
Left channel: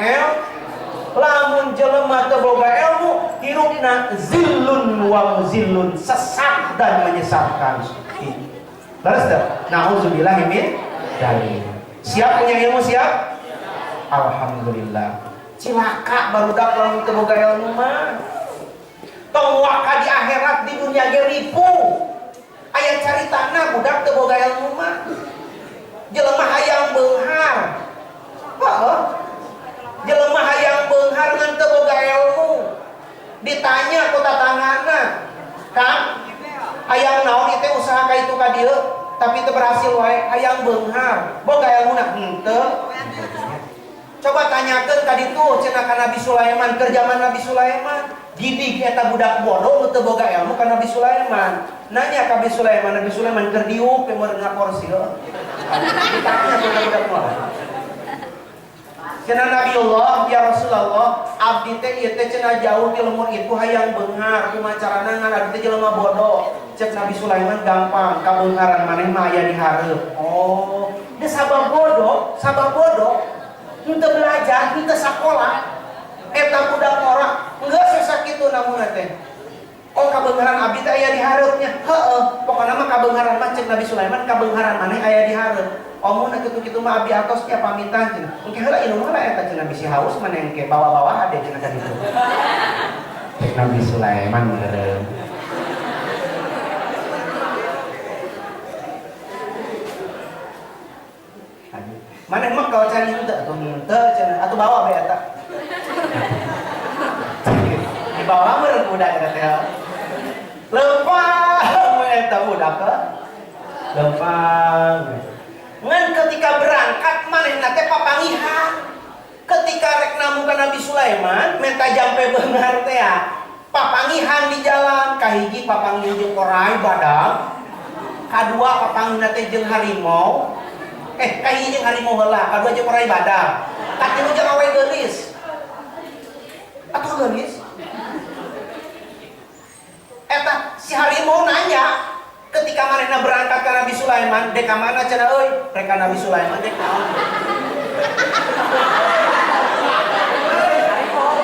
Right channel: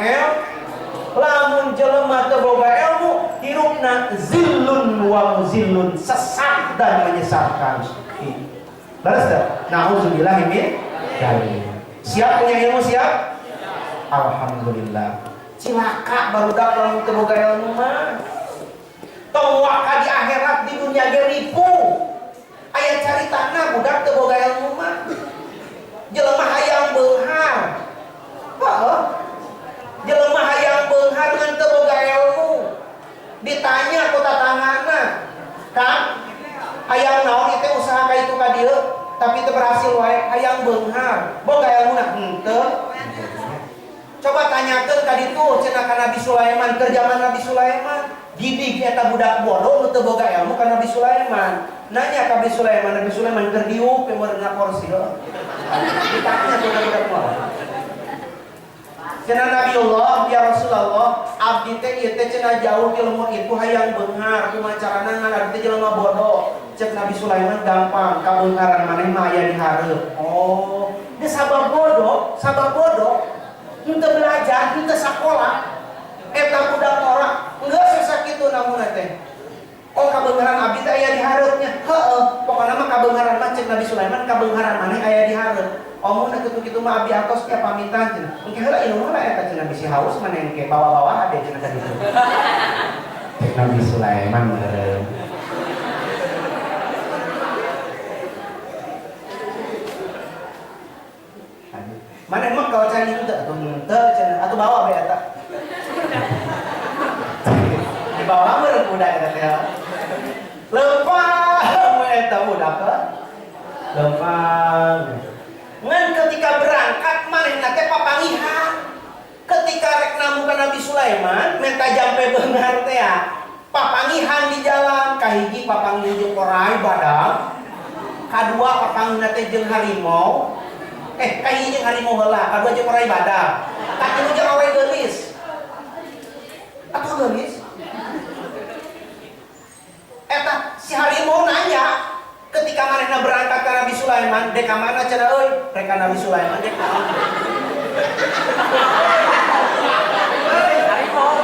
lamun jelema teu boga ilmu hirupna zillun wa muzillun, sesat dan menyesatkan. Terus dah nauzubillahi min dzalik. Siap punya ilmu siap? Alhamdulillah. Cilaka barudak lamun teu boga ilmu mah. Tong waka di akhirat di dunia ge ripu. Aya caritana budak teu boga ilmu mah. Jelema hayang beunghar. Heuh. Jelema hayang beunghar ngan teu boga ilmu. Ditanya ku tatanganna, "Kang, hayang naon ieu teh usaha ka itu ka dieu?" Tapi teu berhasil wae, hayang beunghar. Boga ilmuna henteu. Coba tanyakeun ka ditu cenah ka Nabi Sulaiman, keur zaman Nabi Sulaiman. Gidig eta budak bodoh nu teu boga ilmu ka Nabi Sulaiman. Nanya ka Nabi Sulaiman keur diuk pe meurna kursi heuh. Ditanya ku budak bodoh. Cenah Nabi Allah, ya Rasulullah, abdi teh ieu teh cenah jauh ti lemur itu hayang beunghar, kumaha carana ngan abdi teh jelema bodoh. Cek Nabi Sulaiman gampang, kabeungharan maneh mah aya di hareup. Oh, dia sabab bodoh. Henteu belajar, henteu sakola. Eta budak orang geus sasakitu namun teh. Oh, kabeungharan abdi teh aya di hareupnya. Heueuh, pokona mah kabeungharan mah cek Nabi Sulaiman kabeungharan maneh aya di hareup. Omun kitu-kitu mah abdi atos nya pamitan cenah. Engke heula ilmu mah eta cenah bisi haus maneh engke bawa-bawa ade cenah ka ditu. Cek Nabi Sulaiman meureun. Maneh mah kalau cari henteu cenah atuh bawa bae eta. Di bawah meureun budak eta teh. Lempang eta budak teh. Lempang. Ngan ketika berangkat manehna teh papangihan. Ketika rek namu ka Nabi Sulaiman menta jampe beunghar teh papangihan di jalan, kahiji papangihan jeung orai badag. Kadua papangihan teh jeung harimau. Kahiji jeung harimau heula, kadua jeung orai badag. Katilu jeung awe geulis. Atuh geulis. Eta si harimau nanya ketika manehna berangkat ke Nabi Sulaiman, dek ka mana cenah euy? Rek ka Nabi Sulaiman dek naon?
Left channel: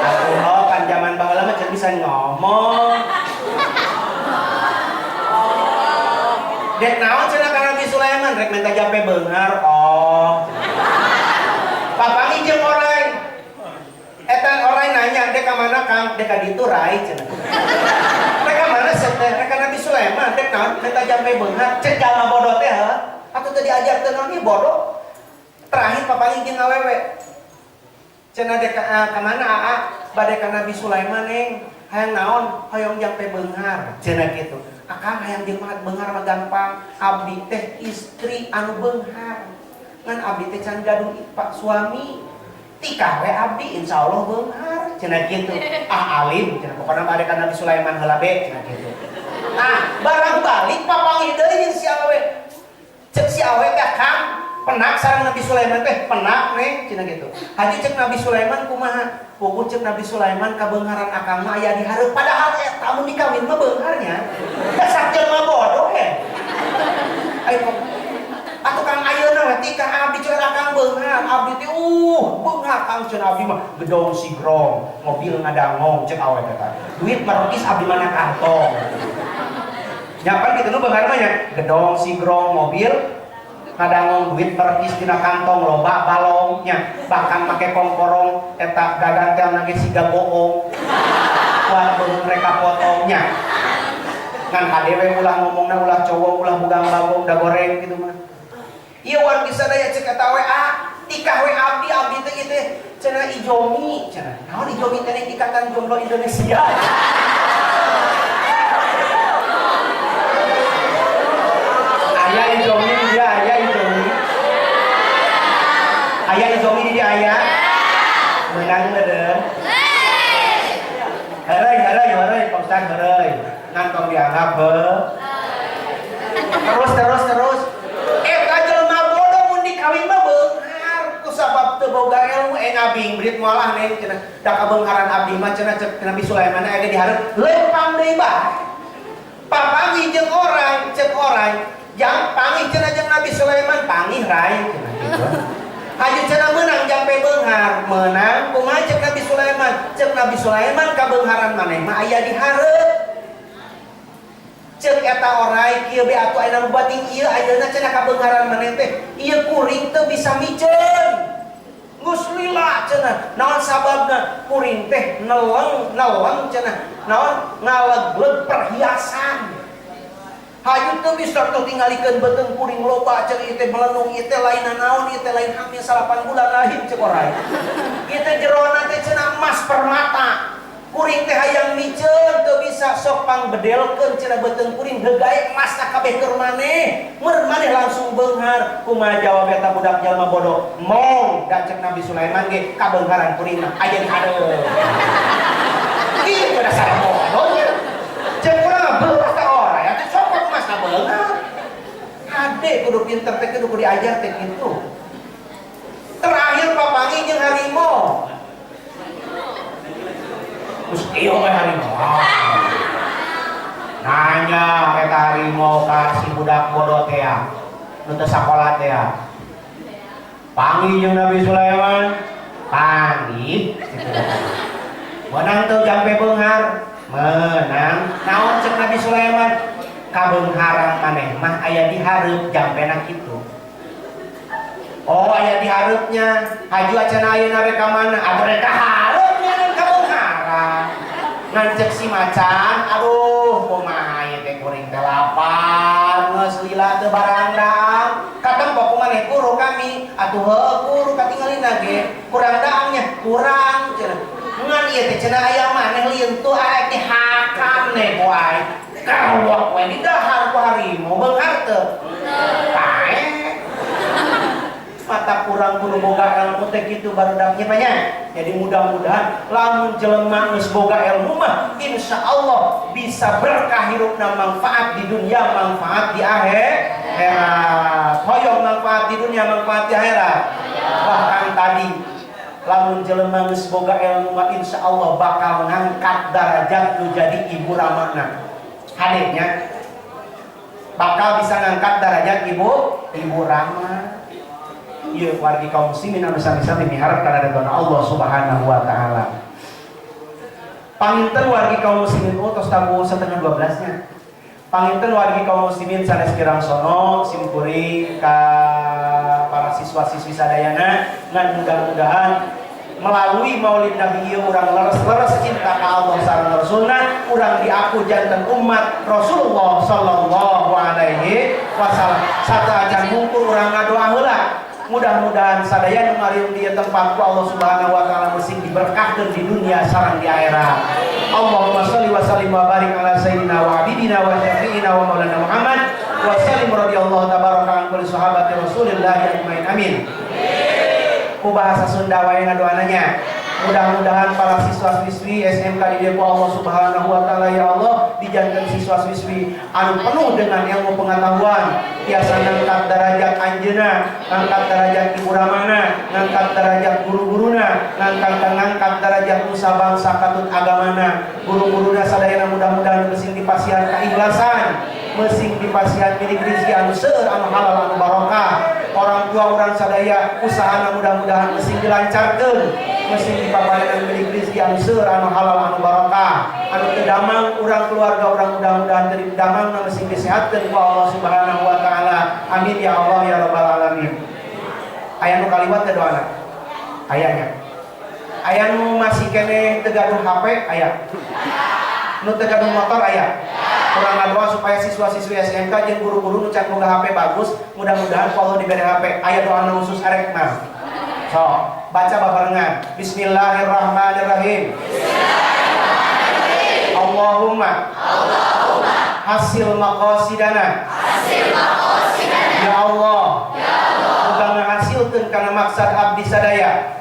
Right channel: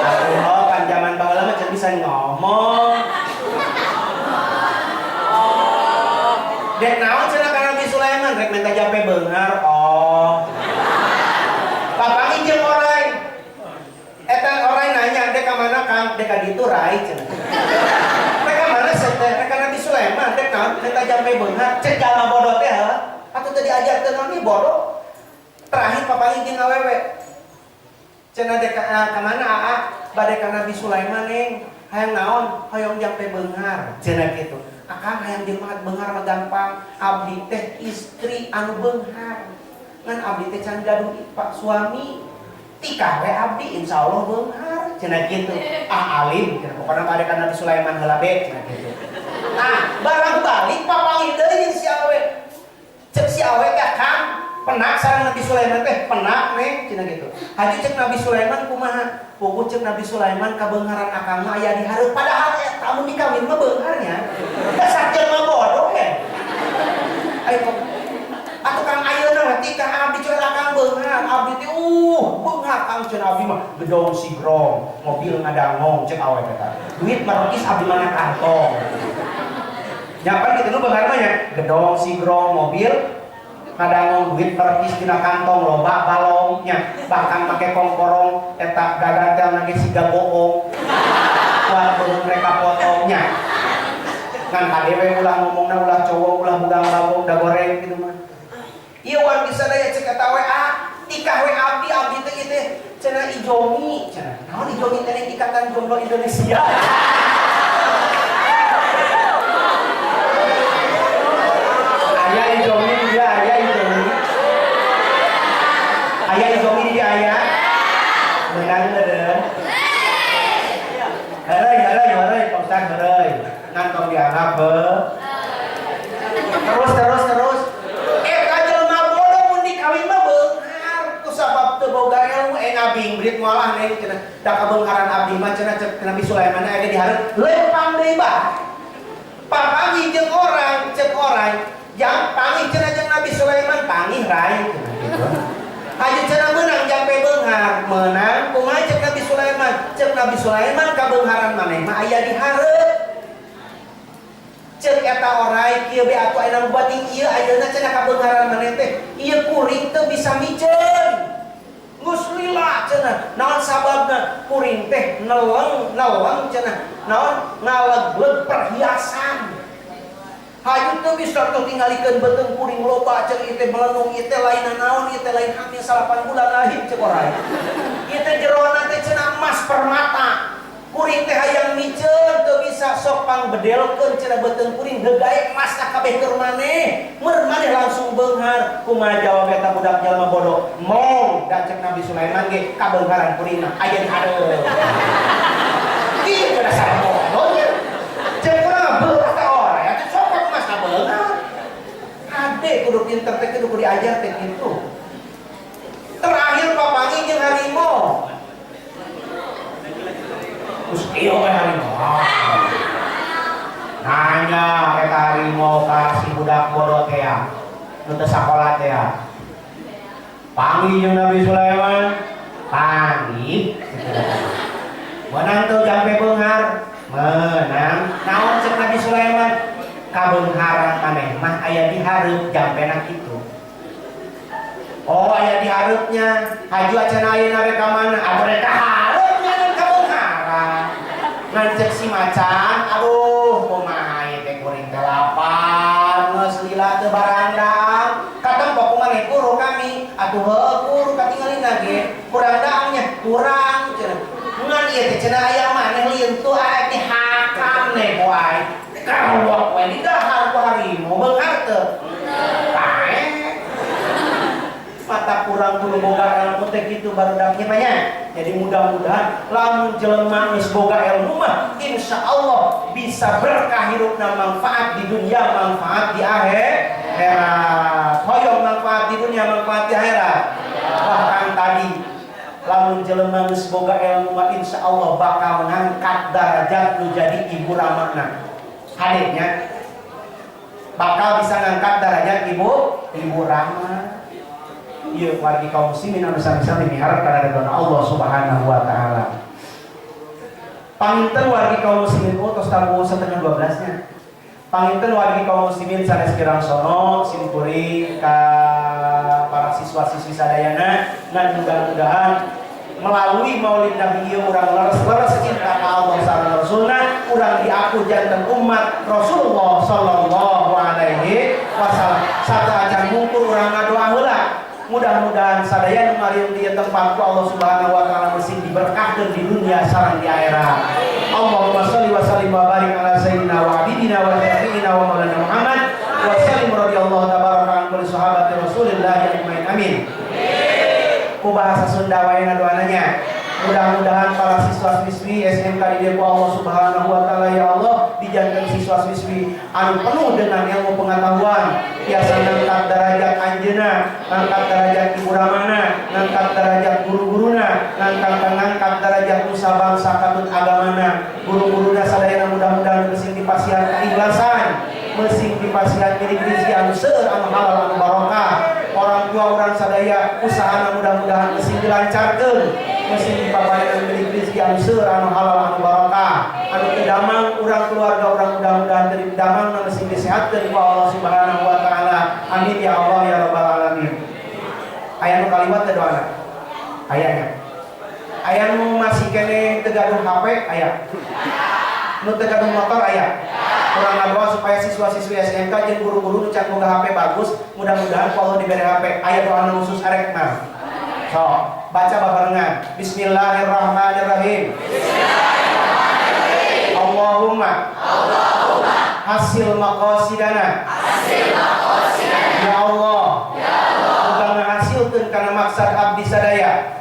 Atuh kan zaman baheula mah can bisa ngomong. Dek naon cenah ka Nabi Sulaiman? Rek minta jampe beunghar. Oh. Papangi jeung orai. Eta orai nanya, dek ka mana Kang? Dek ka ditu rai cenah. Reka Nabi Sulaiman dek naon minta jampe beunghar cek jalma bodoh teh atuh teu diajarkeun naon ieu bodoh. Terakhir papangi jeung awewe cenah dek ka mana aa bade ka Nabi Sulaiman neng hayang naon hoyong jampe beunghar cenah kitu. Akang hayang jelema beunghar mah gampang, abdi teh istri anu beunghar ngan abdi teh can gaduh pak suami tikah we abdi insyaallah beunghar cenah kitu. Alim cenah pokona bade ka Nabi Sulaiman heula be cenah kitu. Nah, barang balik papangi deui si awe. Cek si awe teh Kang, penak sareng Nabi Sulaiman teh, penak neng cenah gitu. Haji cek Nabi Sulaiman kumaha? Puguh cek Nabi Sulaiman kabeungharan akang mah aya di hareup, padahal eta mun dikawin mah beungharnya. Dasar jelema bodoh Ayo atuh Kang ayeuna we tikah abdi coba akang beunghar, abdi teh beunghar Kang cenah abdi mah gedong sigrong, mobil ngadangong cek awe teh. Duit marokis abdi mana kantong. Nyapan gitu nu beunghar mah nya gedong sigrong mobil ngadangong duit perkis dina kantong loba balongnya bahkan make kongkorong eta gagantel nage siga bohong kuat beung mereka potongnya ngan kadewe ulah ngomongna ulah cowok ulah bugang bagong da goreng gitu mah ieu wan bisa daya cek eta we tikah we abdi teh ieu teh cenah ijomi cenah naon ijomi teh ikatan jomblo Indonesia. Ayah ijomi dia ayah ijomi dia ayah menang meureun Heureuy Pak Ustaz heureuy ngan tong dianggap terus eta jelema bodoh mun dikawin mah beunghar ku sabab teu boga ilmu Nabi Ingrid mualah neng cenah da kabengharan abdi mah cenah cek Nabi Sulaiman aya di hareup lempang deui bae. Papangi jeung orang cek orang yang pangi cenah jeung Nabi Sulaiman pangi rai cenah gitu. Hayu cenah menang jampe beunghar menang kumaha cek Nabi Sulaiman cek Nabi Sulaiman kabengharan maneh mah aya di hareup. Cek eta orai kieu be atuh aya nu bating ieu ayeuna cenah kabengharan maneh teh ieu kuring teu bisa miceun. Geus lila cenah naon sababna kuring teh neleng cenah naon ngalegleg perhiasan. Hayu teu bisa tuh tingalikeun beuteung kuring loba cek ieu teh melenung ieu teh lain naon ieu teh lain hamil 8 bulan lahir cek orai. Ieu teh jerona teh cenah emas permata. Kuring teh hayang miceun teu bisa sok pangbedelkeun cenah beuteung kuring heugae emasna kabeh keur maneh. Meur maneh langsung beunghar. Kumaha jawab eta budak jalma bodoh? Mong da cek Nabi Sulaiman ge kabeungharan kuringna aya di hareup. Ieu dasar bodohnya. Cek urang beurah ka ora ya cek sok emasna beunghar. Ade kudu pinter teh kudu diajar teh kitu. Terakhir papangi jeung harimau. Terus iyo mah harimau. Nanya eta harimau ka si budak bodoh teh ya. Nu teu sakola teh ya. Panggih jeung Nabi Sulaiman. Panggih. Menang teu jampe beunghar. Menang. Naon cek Nabi Sulaiman? Kabeungharan maneh mah aya di hareup jampena kitu. Oh aya di hareupnya. Haju acan ayeuna rek ka mana? Atuh rek ka hareupnya dan kabeungharan. Ngan cek si macan, aduh kumaha ieu teh kuring teh lapar, geus lila teu barandang. Katempok kumaneh guru kami, atuh heuh guru katingalina ge, kurang daangnya, kurang cenah. Ngan ieu teh cenah aya maneh lieunteuh aya di hakam ne boy. Kawak we di dahar ku harimau beunghar teu? Tae. Mata kurang kudu boga ilmu teh kitu barudaknya banyak. Jadi mudah-mudahan lamun jelema geus boga ilmu mah insyaallah bisa berkah hirupna manfaat di dunia, manfaat di akhirat. Hoyong manfaat di dunia, manfaat di akhirat. Bahkan tadi lamun jelema geus boga ilmu mah insyaallah bakal ngangkat derajat nu jadi ibu ramana. Hadirnya bakal bisa ngangkat derajat ibu rama. Ieu wargi kaum muslimin anu sami-sami miharep kana ridho Allah Subhanahu wa taala. Panginten wargi kaum muslimin tos tabu setengah 12-nya. Panginten wargi kaum muslimin sanes kirang sono simkuring ka para siswa-siswi sadayana ngan mudah-mudahan melalui maulid Nabi ieu urang leres-leres cinta ka Allah sareng Rasulna, urang diaku janten umat Rasulullah sallallahu alaihi wasallam. Sataacan mungkur urang ngadoa heula. Mudah-mudahan sadaya nu mariung di tempat ku Allah Subhanahu wa taala meusing diberkahkeun di dunia sareng di akhirat. Allahumma shalli wa sallim wa barik ala sayyidina wa habibina wa syafi'ina wa maulana Muhammad wa sallim radhiyallahu tabaraka an kulli sahabati Rasulillah ajmain amin. Ku bahasa Sunda wae ngadoananya. Mudah-mudahan para siswa-siswi SMK di Depo Allah Subhanahu wa taala ya Allah dijanten siswa-siswi anu penuh dengan ilmu pengetahuan, biasa ngangkat derajat anjeuna, ngangkat derajat ibu ramana, ngangkat derajat guru-guruna, ngangkat derajat nusa bangsa katut agamana. Guru-guruna sadayana mudah-mudahan meusing dipasihan keikhlasan, meusing dipasihan milik rezeki anu seueur anu halal anu barokah. Orang tua urang sadaya usahana mudah-mudahan meusing dilancarkeun, meusing dipaparenan milik rezeki anu seueur anu halal anu barokah. Anu teu damang urang keluarga urang mudah-mudahan teu damang meusing disehatkeun ku Allah Subhanahu wa taala. Amin ya Allah ya rabbal alamin. Aya nu kaliwat teh doana? Ayanya. Aya nu masih kene teu gaduh HP aya. Nu teu gaduh motor aya. Urang ngadoa supaya siswa-siswi SMK jeung guru-guru nu can boga HP bagus, mudah-mudahan Allah diberi HP. Aya doa nu khusus arek mah. So, baca babarengan. Bismillahirrahmanirrahim. Bismillahirrahmanirrahim. Allahumma hasil maqasidana. Ya Allah. Muga ngahasilkeun kana maksad abdi sadaya.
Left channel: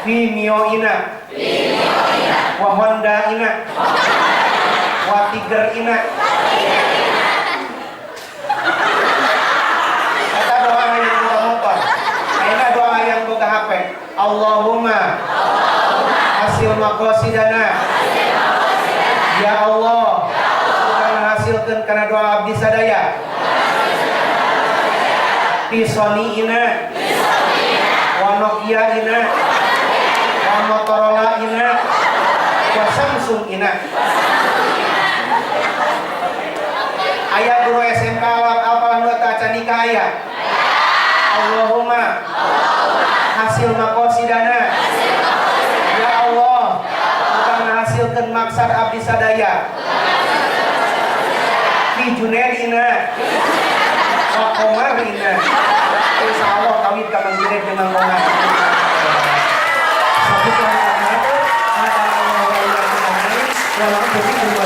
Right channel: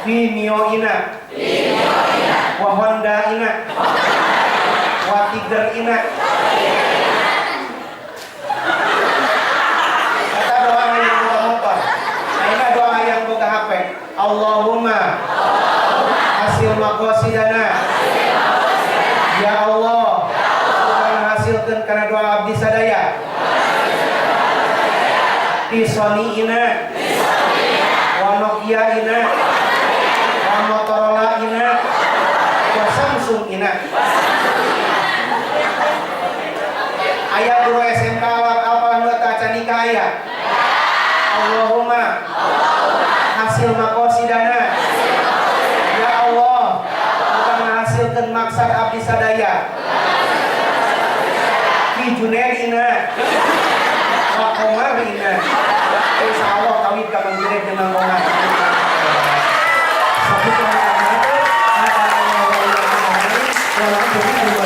Fi mioina. Wa hondaina. Wa tigerina. Kata doa yang motor. Ayeuna doa Allahumma hasil maqasidana ya Allah kana hasilkeun kana doa abdi sadaya di Sony-ina wa Nokia-ina wa Motorola-ina wa Samsung-ina. Aya guru SMK apalan wata canika aya Allahumma hasil maqasidana ya Allah bukan hasilkeun maksad abdi sadaya fi junaidina wa qamarina insyaallah kawit ka Mang Junaid jeung Mang Komar sabutna ada Allah wa